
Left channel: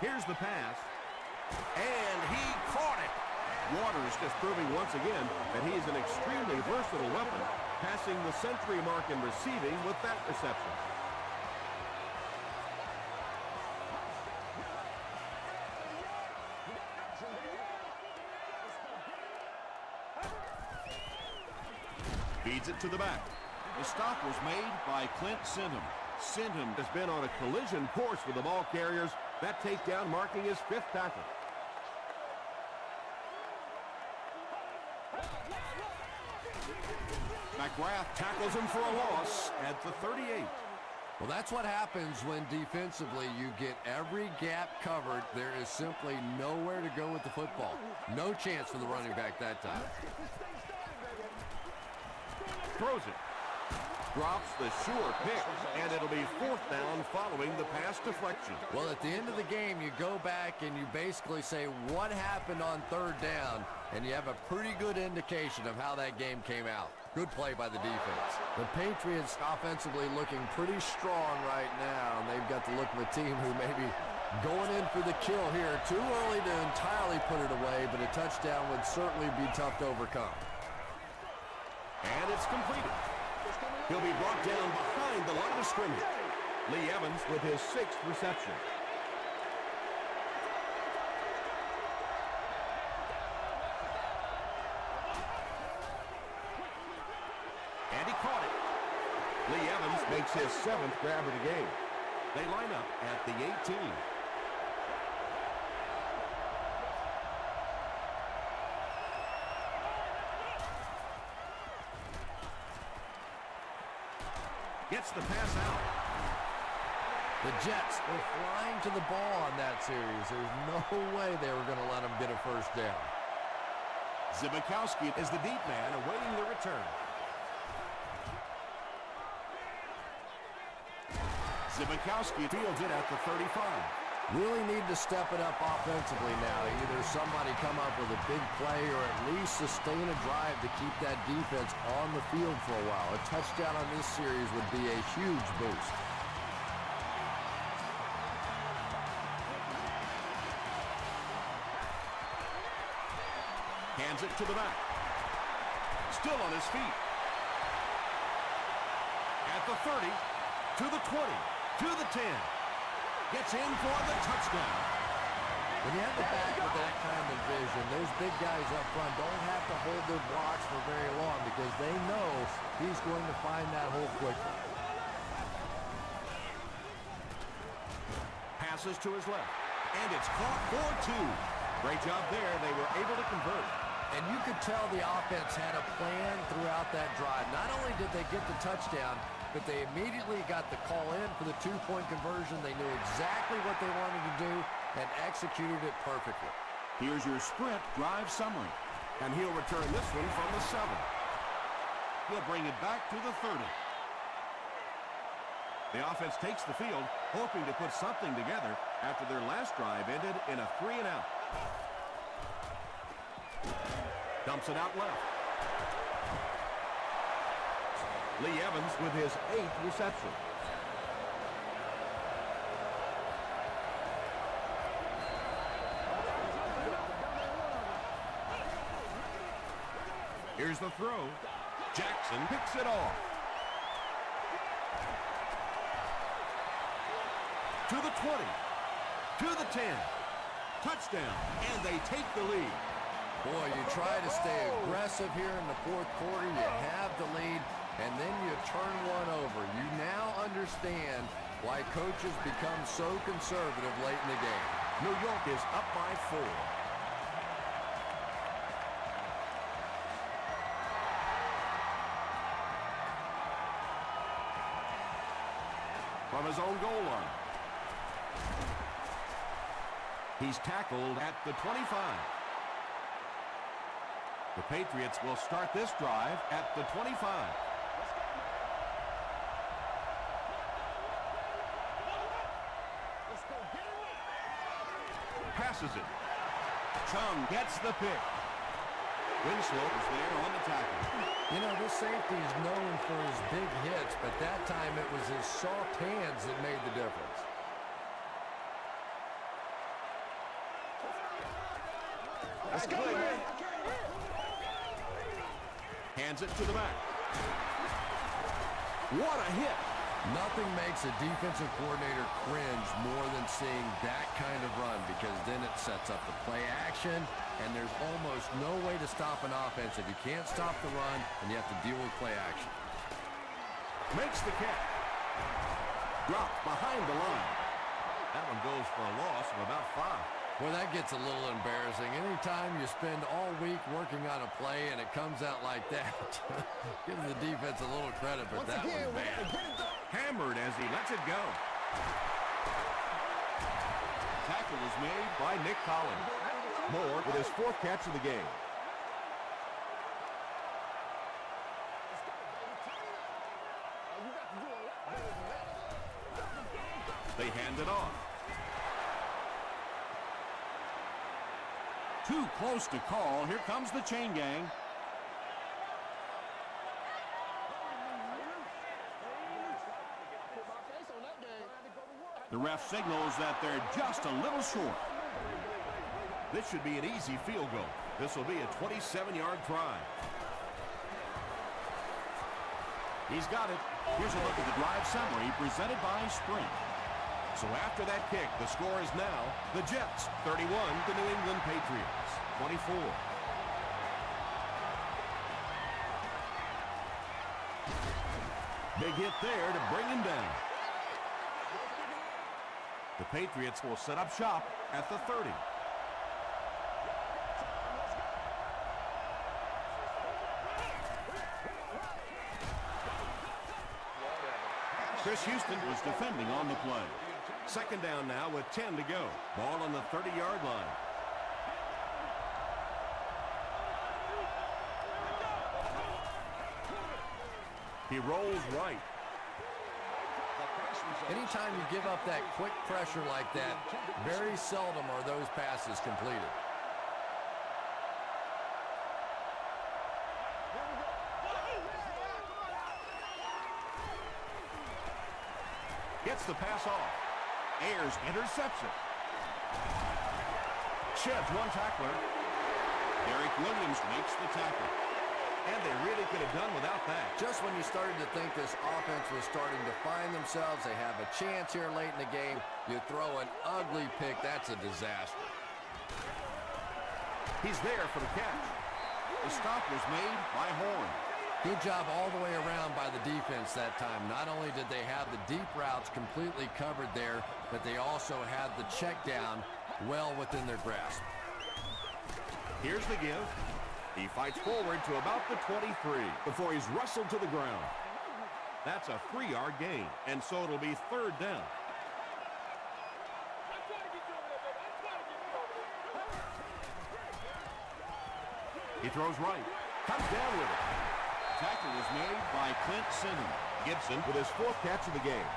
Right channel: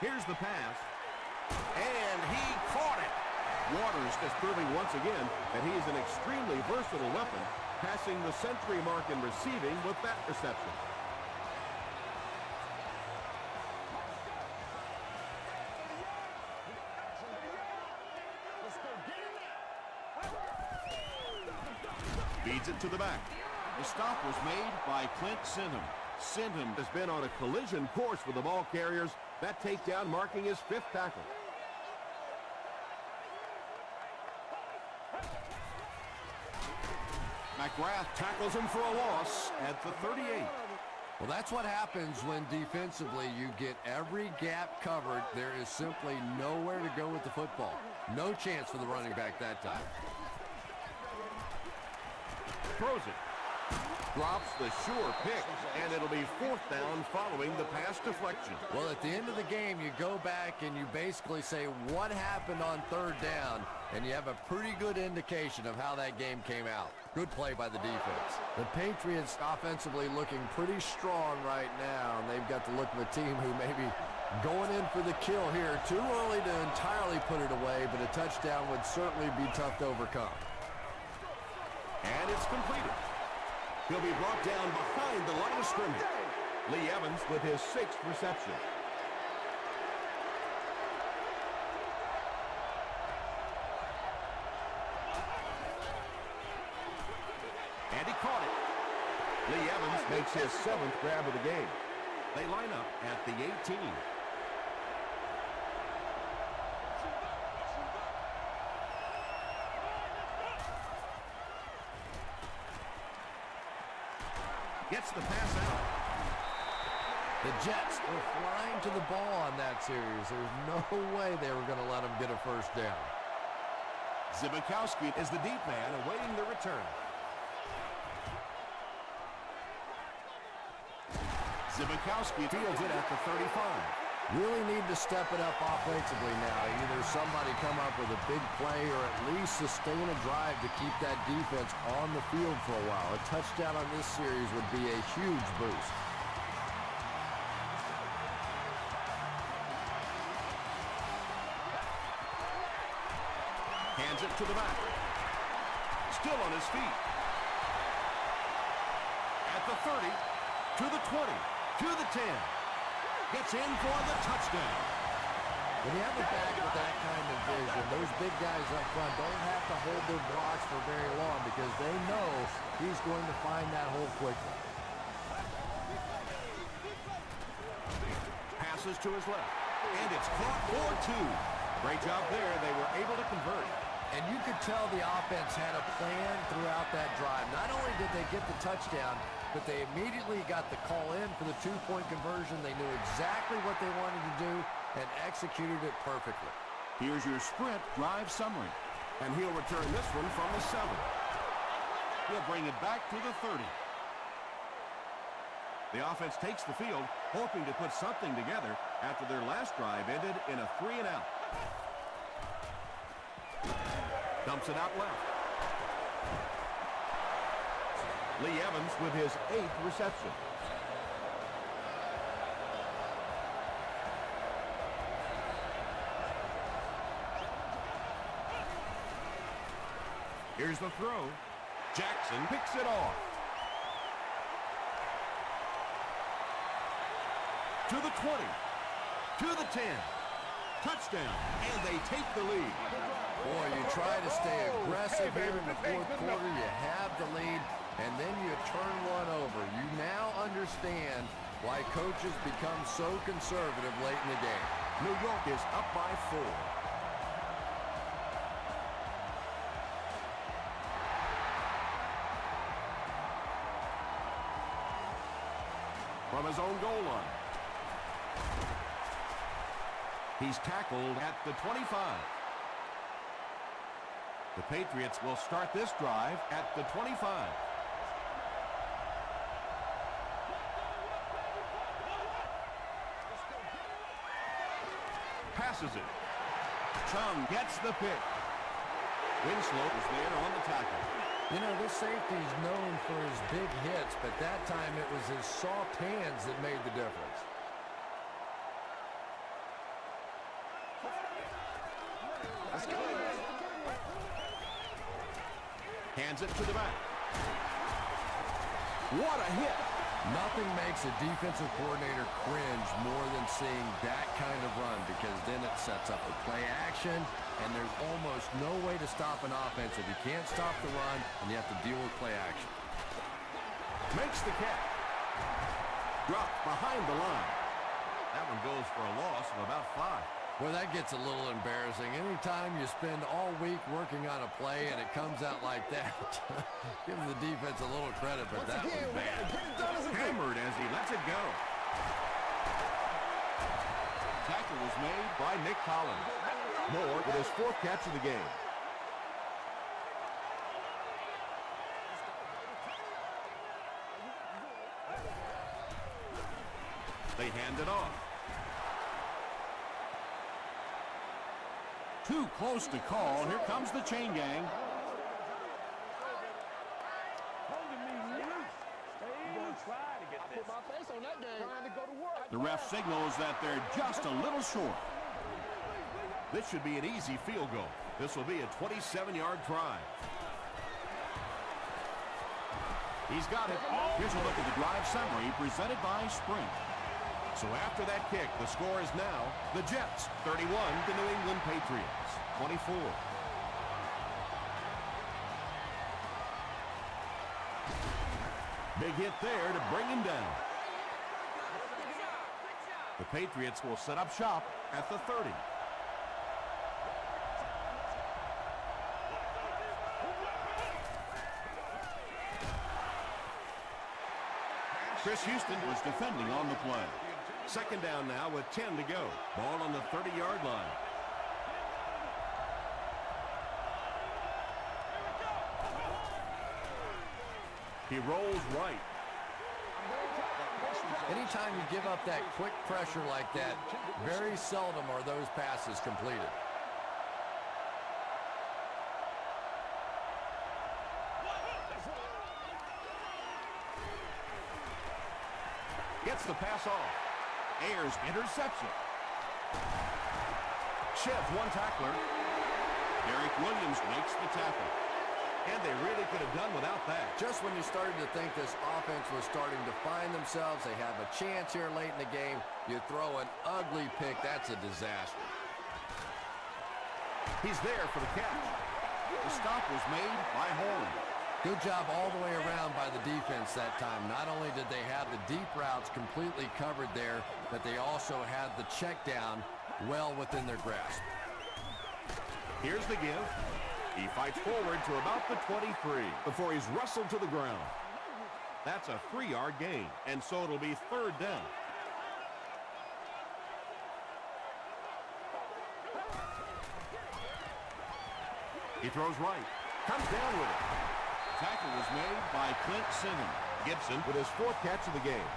Here's the pass, and he caught it. Waters just proving once again that he's an extremely versatile weapon, passing the century mark in receiving with that reception. Feeds it to the back. The stop was made by Clint Singham. Singham has been on a collision course with the ball carriers. That takedown marking his 5th tackle. McGrath tackles him for a loss at the 38. Well, that's what happens when defensively you get every gap covered. There is simply nowhere to go with the football. No chance for the running back that time. Throws it. Drops the sure pick, and it'll be 4th down following the pass deflection. Well, at the end of the game, you go back and you basically say what happened on 3rd down, and you have a pretty good indication of how that game came out. Good play by the defense. The Patriots offensively looking pretty strong right now, and they've got the look of a team who may be going in for the kill here. Too early to entirely put it away, but a touchdown would certainly be tough to overcome. And it's completed. He'll be brought down behind the line of scrimmage. Lee Evans with his 6th reception. makes his 7th grab of the game. They line up at the 18. Gets the pass out. The Jets were flying to the ball on that series. There's no way they were going to let them get a first down. Zbikowski is the deep man awaiting the return. Zbikowski fields it at the 35. Really need to step it up offensively now. Either somebody come up with a big play or at least sustain a drive to keep that defense on the field for a while. A touchdown on this series would be a huge boost. Hands it to the back. Still on his feet. At the 30, to the 20, to the 10. Gets in for the touchdown. When you have the back with that kind of vision, those big guys up front don't have to hold their blocks for very long because they know he's going to find that hole quickly. Passes to his left, and it's caught for 2. Great job there. They were able to convert. And you could tell the offense had a plan throughout that drive. Not only did they get the touchdown, but they immediately got the call in for the 2-point conversion. They knew exactly what they wanted to do and executed it perfectly. Here's your sprint drive summary. And he'll return this one from the 7. He'll bring it back to the 30. The offense takes the field, hoping to put something together after their last drive ended in a 3-and-out. Dumps it out left. Lee Evans with his 8th reception. Here's the throw. Jackson picks it off. To the 20. To the 10. Touchdown. And they take the lead. Boy, you try to stay aggressive here in the fourth quarter. You have the lead, and then you turn one over. You now understand why coaches become so conservative late in the game. New York is up by 4. From his own goal line. He's tackled at the 25. The Patriots will start this drive at the 25. Passes it. Chung gets the pick. Winslow is there on the tackle. You know, this safety is known for his big hits, but that time it was his soft hands that made the difference. Let's go, man. Hands it to the back. What a hit. Nothing makes a defensive coordinator cringe more than seeing that kind of run because then it sets up the play action, and there's almost no way to stop an offense if you can't stop the run and you have to deal with play action. Makes the catch. Dropped behind the line. That one goes for a loss of about 5. Boy, that gets a little embarrassing. Anytime you spend all week working on a play and it comes out like that, give the defense a little credit, but that was bad. Hammered as he lets it go. Tackle was made by Nick Collins. Moore with his 4th catch of the game. Let's go, baby. Turn it up. Oh, you got to do a lot better than that. They hand it off. Too close to call. Here comes the chain gang. I put my face on that game. Trying to go to work. The ref signals that they're just a little short. This should be an easy field goal. This will be a 27-yard try. He's got it. Here's a look at the drive summary presented by Sprint. So after that kick, the score is now the Jets 31, the New England Patriots 24. Big hit there to bring him down. The Patriots will set up shop at the 30. Chris Houston was defending on the play. Second down now with 10 to go. Ball on the 30-yard line. He rolls right. Anytime you give up that quick pressure like that, very seldom are those passes completed. Gets the pass off. Ayers interception. Sheds one tackler. Derek Williams makes the tackle. And they really could have done without that. Just when you started to think this offense was starting to find themselves, they have a chance here late in the game, you throw an ugly pick, that's a disaster. He's there for the catch. The stop was made by Horn. Good job all the way around by the defense that time. Not only did they have the deep routes completely covered there, but they also had the check down well within their grasp. Here's the give. He fights forward to about the 23 before he's wrestled to the ground. That's a 3-yard gain, and so it'll be third down. He throws right, comes down with it. Tackle was made by Clint Sinham. Gibson with his 4th catch of the game.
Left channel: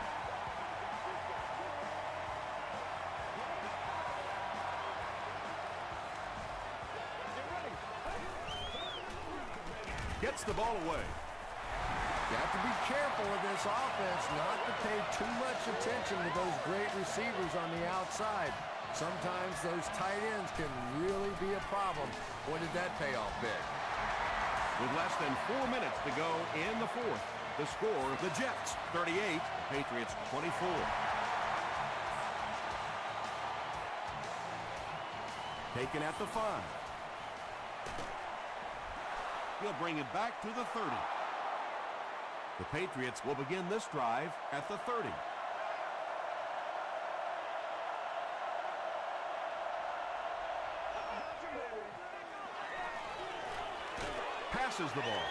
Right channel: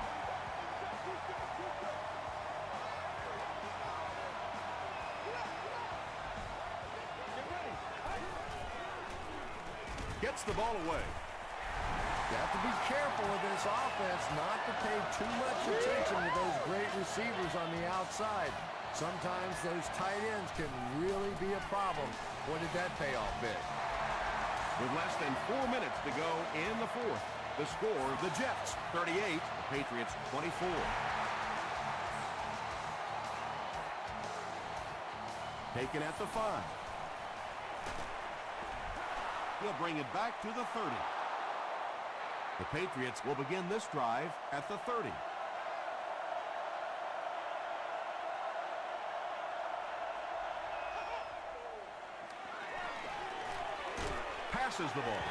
Gets the ball away. You have to be careful with this offense not to pay too much attention to those great receivers on the outside. Sometimes those tight ends can really be a problem. Boy, did that pay off big. With less than 4 minutes to go in the 4th, the score, the Jets 38, the Patriots 24. Taken at the 5. He'll bring it back to the 30. The Patriots will begin this drive at the 30. Passes the ball.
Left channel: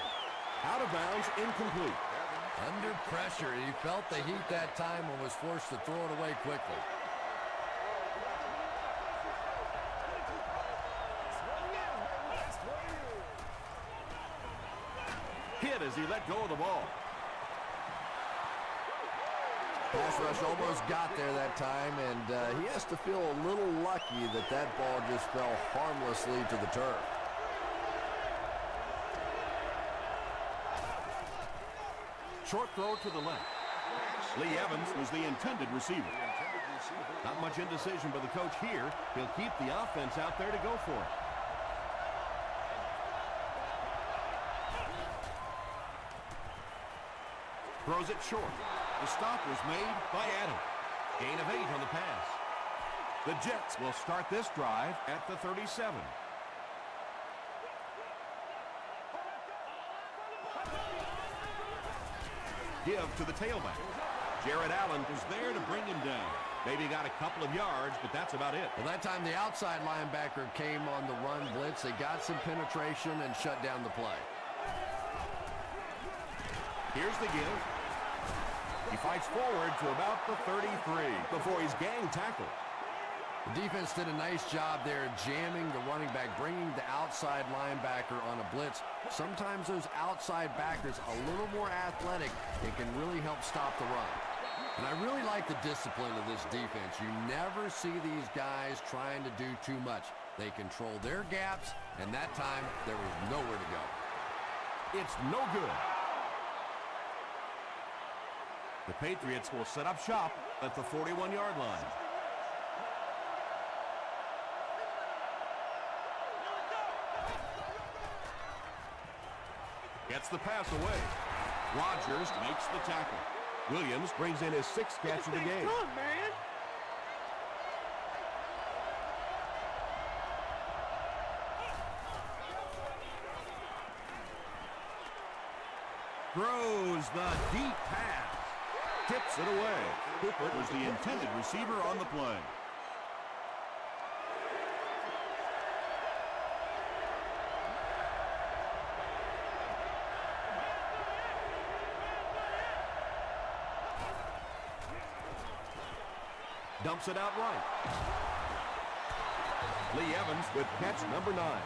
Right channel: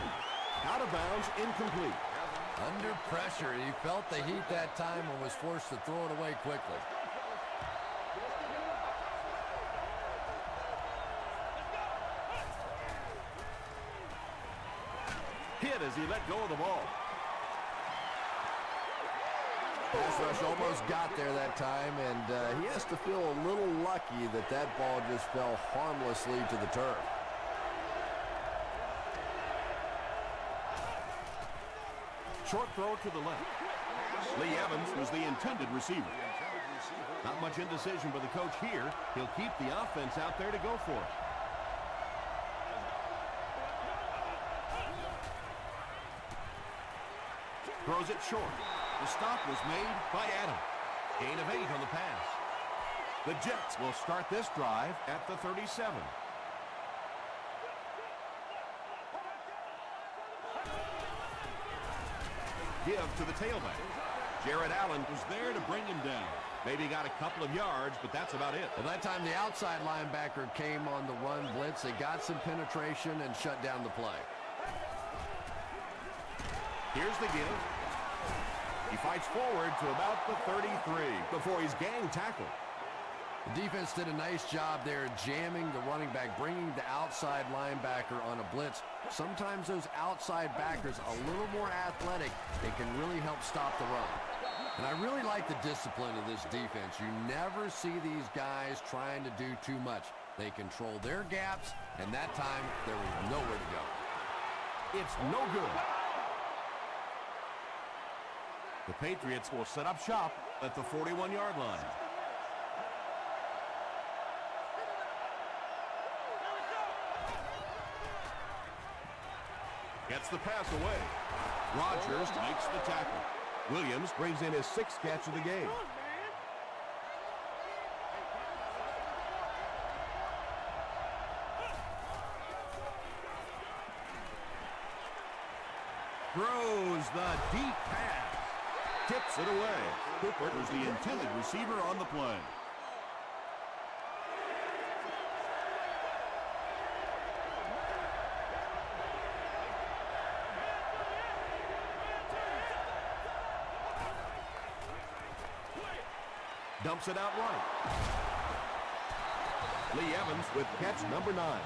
Out of bounds, incomplete. Under pressure, he felt the heat that time and was forced to throw it away quickly. Hit as he let go of the ball. Pass rush almost got there that time, and he has to feel a little lucky that that ball just fell harmlessly to the turf. Short throw to the left. Lee Evans was the intended receiver. Not much indecision by the coach here. He'll keep the offense out there to go for it. Throws it short. The stop was made by Adam. Gain of 8 on the pass. The Jets will start this drive at the 37. Give to the tailback. Jared Allen was there to bring him down. Maybe got a couple of yards, but that's about it. Well, that time the outside linebacker came on the run blitz. They got some penetration and shut down the play. Here's the give. He fights forward to about the 33 before he's gang tackled. The defense did a nice job there jamming the running back, bringing the outside linebacker on a blitz. Sometimes those outside backers a little more athletic and can really help stop the run. And I really like the discipline of this defense. You never see these guys trying to do too much. They control their gaps, and that time there was nowhere to go. It's no good. The Patriots will set up shop at the 41-yard line. Gets the pass away. Rodgers makes the tackle. Williams brings in his 6th catch of the game. throws the deep pass. Tips it away. Cooper was the intended receiver on the play. Dumps it out right. Lee Evans with catch number 9.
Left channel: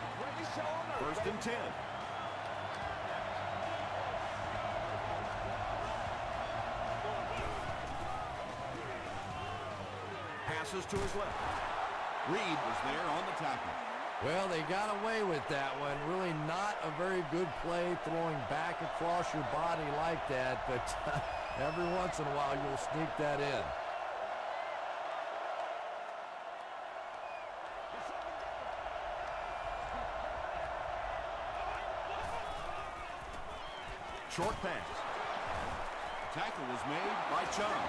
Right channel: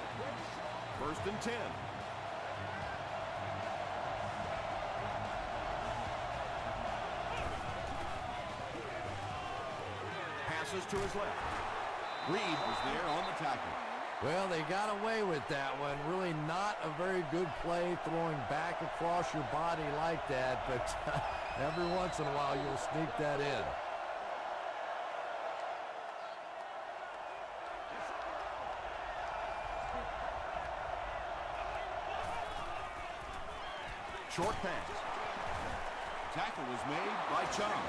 First and 10. Passes to his left. Reed was there on the tackle. Well, they got away with that one. Really not a very good play throwing back across your body like that, but every once in a while you'll sneak that in. Short pass. Tackle was made by Chung.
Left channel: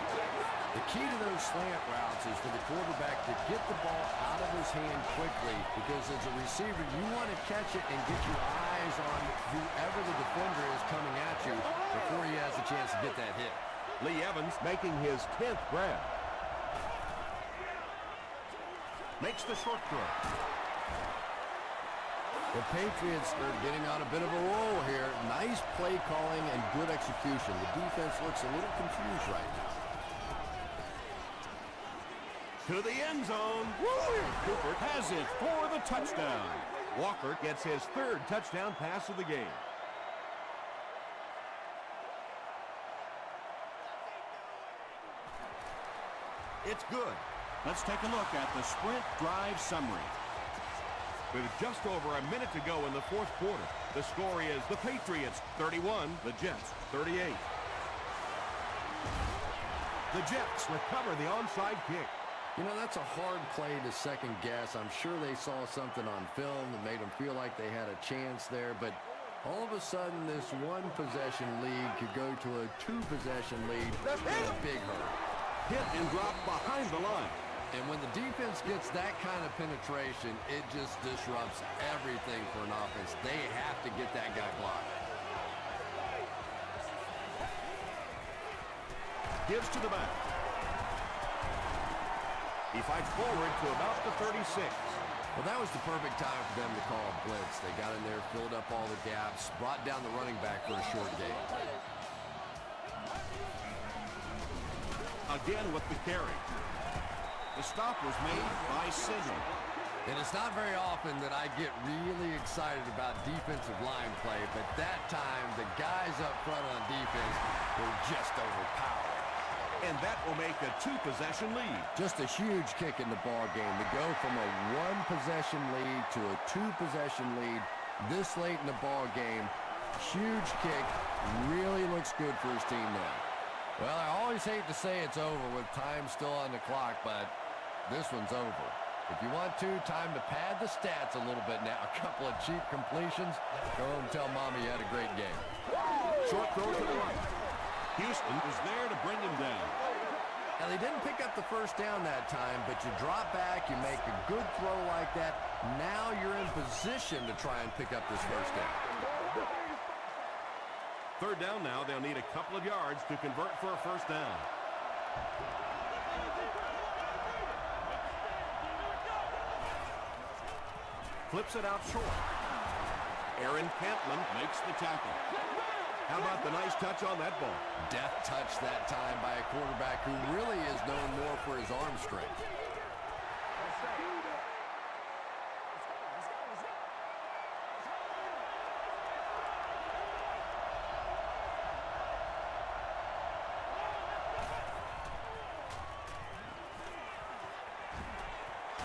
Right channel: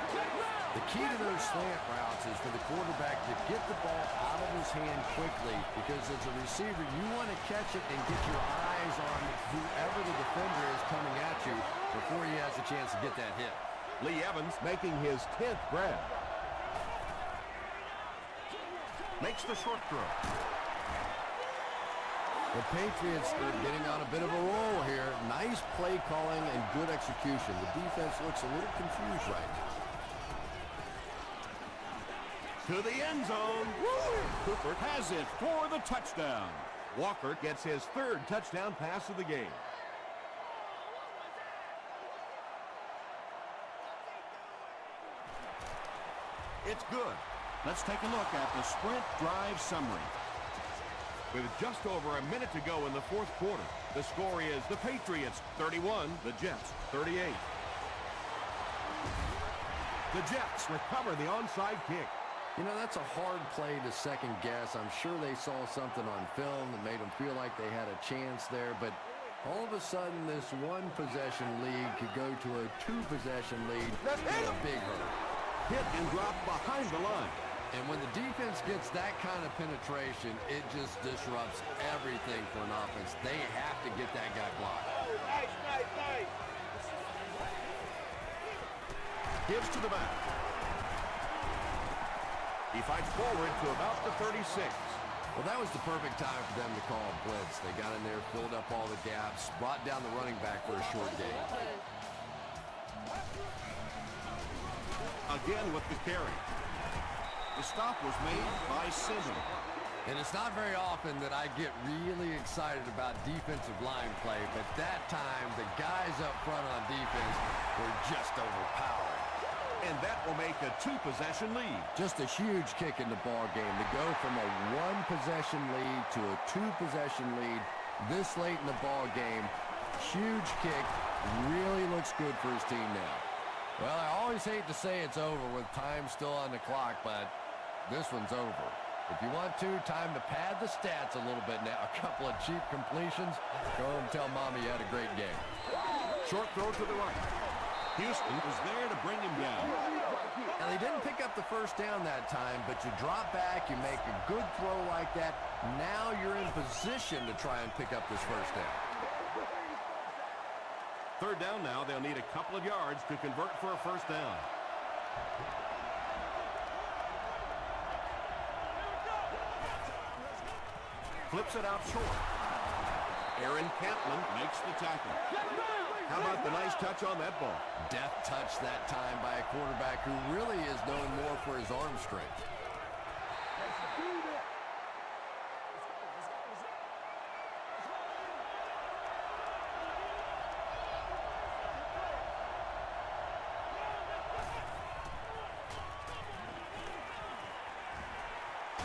The key to those slant routes is for the quarterback to get the ball out of his hand quickly, because as a receiver, you want to catch it and get your eyes on whoever the defender is coming at you before he has a chance to get that hit. Lee Evans making his 10th grab. Makes the short throw. The Patriots are getting on a bit of a roll here. Nice play calling and good execution. The defense looks a little confused right now. To the end zone. Woo! Cooper has it for the touchdown. Walker gets his 3rd touchdown pass of the game. It's good. Let's take a look at the sprint drive summary. With just over a minute to go in the 4th quarter, the score is the Patriots 31, the Jets 38. The Jets recover the onside kick. You know, that's a hard play to second guess. I'm sure they saw something on film that made them feel like they had a chance there, but all of a sudden this 1-possession lead could go to a 2-possession lead in a big hurry. Hit and drop behind the line. And when the defense gets that kind of penetration, it just disrupts everything for an offense. They have to get that guy blocked. Gives to the back. He fights forward to about the 36. Well, that was the perfect time for them to call a blitz. They got in there, filled up all the gaps, brought down the running back for a short gain. Again with the carry. The stop was made by Sidham. And it's not very often that I get really excited about defensive line play, but that time the guys up front on defense were just overpowering. And that will make a 2-possession lead. Just a huge kick in the ball game to go from a 1-possession lead to a 2-possession lead this late in the ball game. Huge kick. Really looks good for his team now. Well, I always hate to say it's over with time still on the clock, but this one's over. If you want to, time to pad the stats a little bit now. A couple of cheap completions. Go and tell Mommy you had a great game. Short throw to the right. Houston was there to bring him down. Now, they didn't pick up the first down that time, but you drop back, you make a good throw like that. Now you're in position to try and pick up this first down. 3rd down now. They'll need a couple of yards to convert for a first down. Flips it out short. Aaron Cantlin makes the tackle. How about the nice touch on that ball? Deft touch that time by a quarterback who really is known more for his arm strength.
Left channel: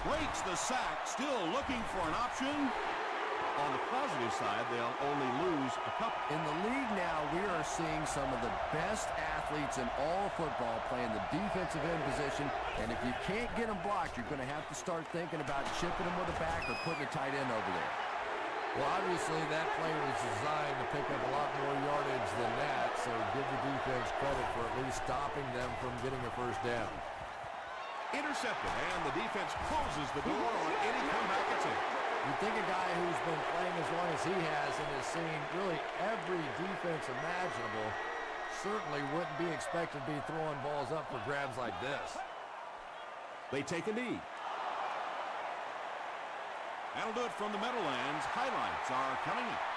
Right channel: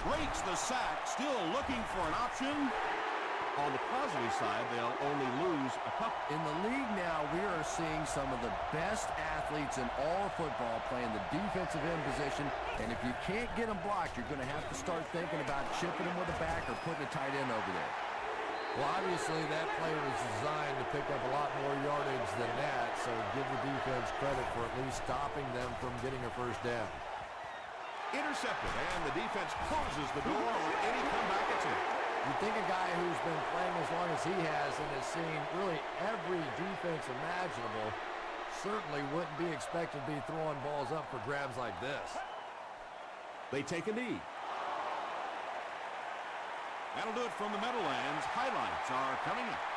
Breaks the sack, still looking for an option. On the positive side, they'll only lose a couple. In the league now, we are seeing some of the best athletes in all football playing the defensive end position, and if you can't get them blocked, you're going to have to start thinking about chipping them with a back or putting a tight end over there. Well, obviously, that play was designed to pick up a lot more yardage than that, so give the defense credit for at least stopping them from getting a first down. Intercepted, and the defense closes the door on any comeback attempt. You'd think a guy who's been playing as long as he has and has seen really every defense imaginable certainly wouldn't be expected to be throwing balls up for grabs like this. They take a knee. That'll do it from the Meadowlands. Highlights are coming up.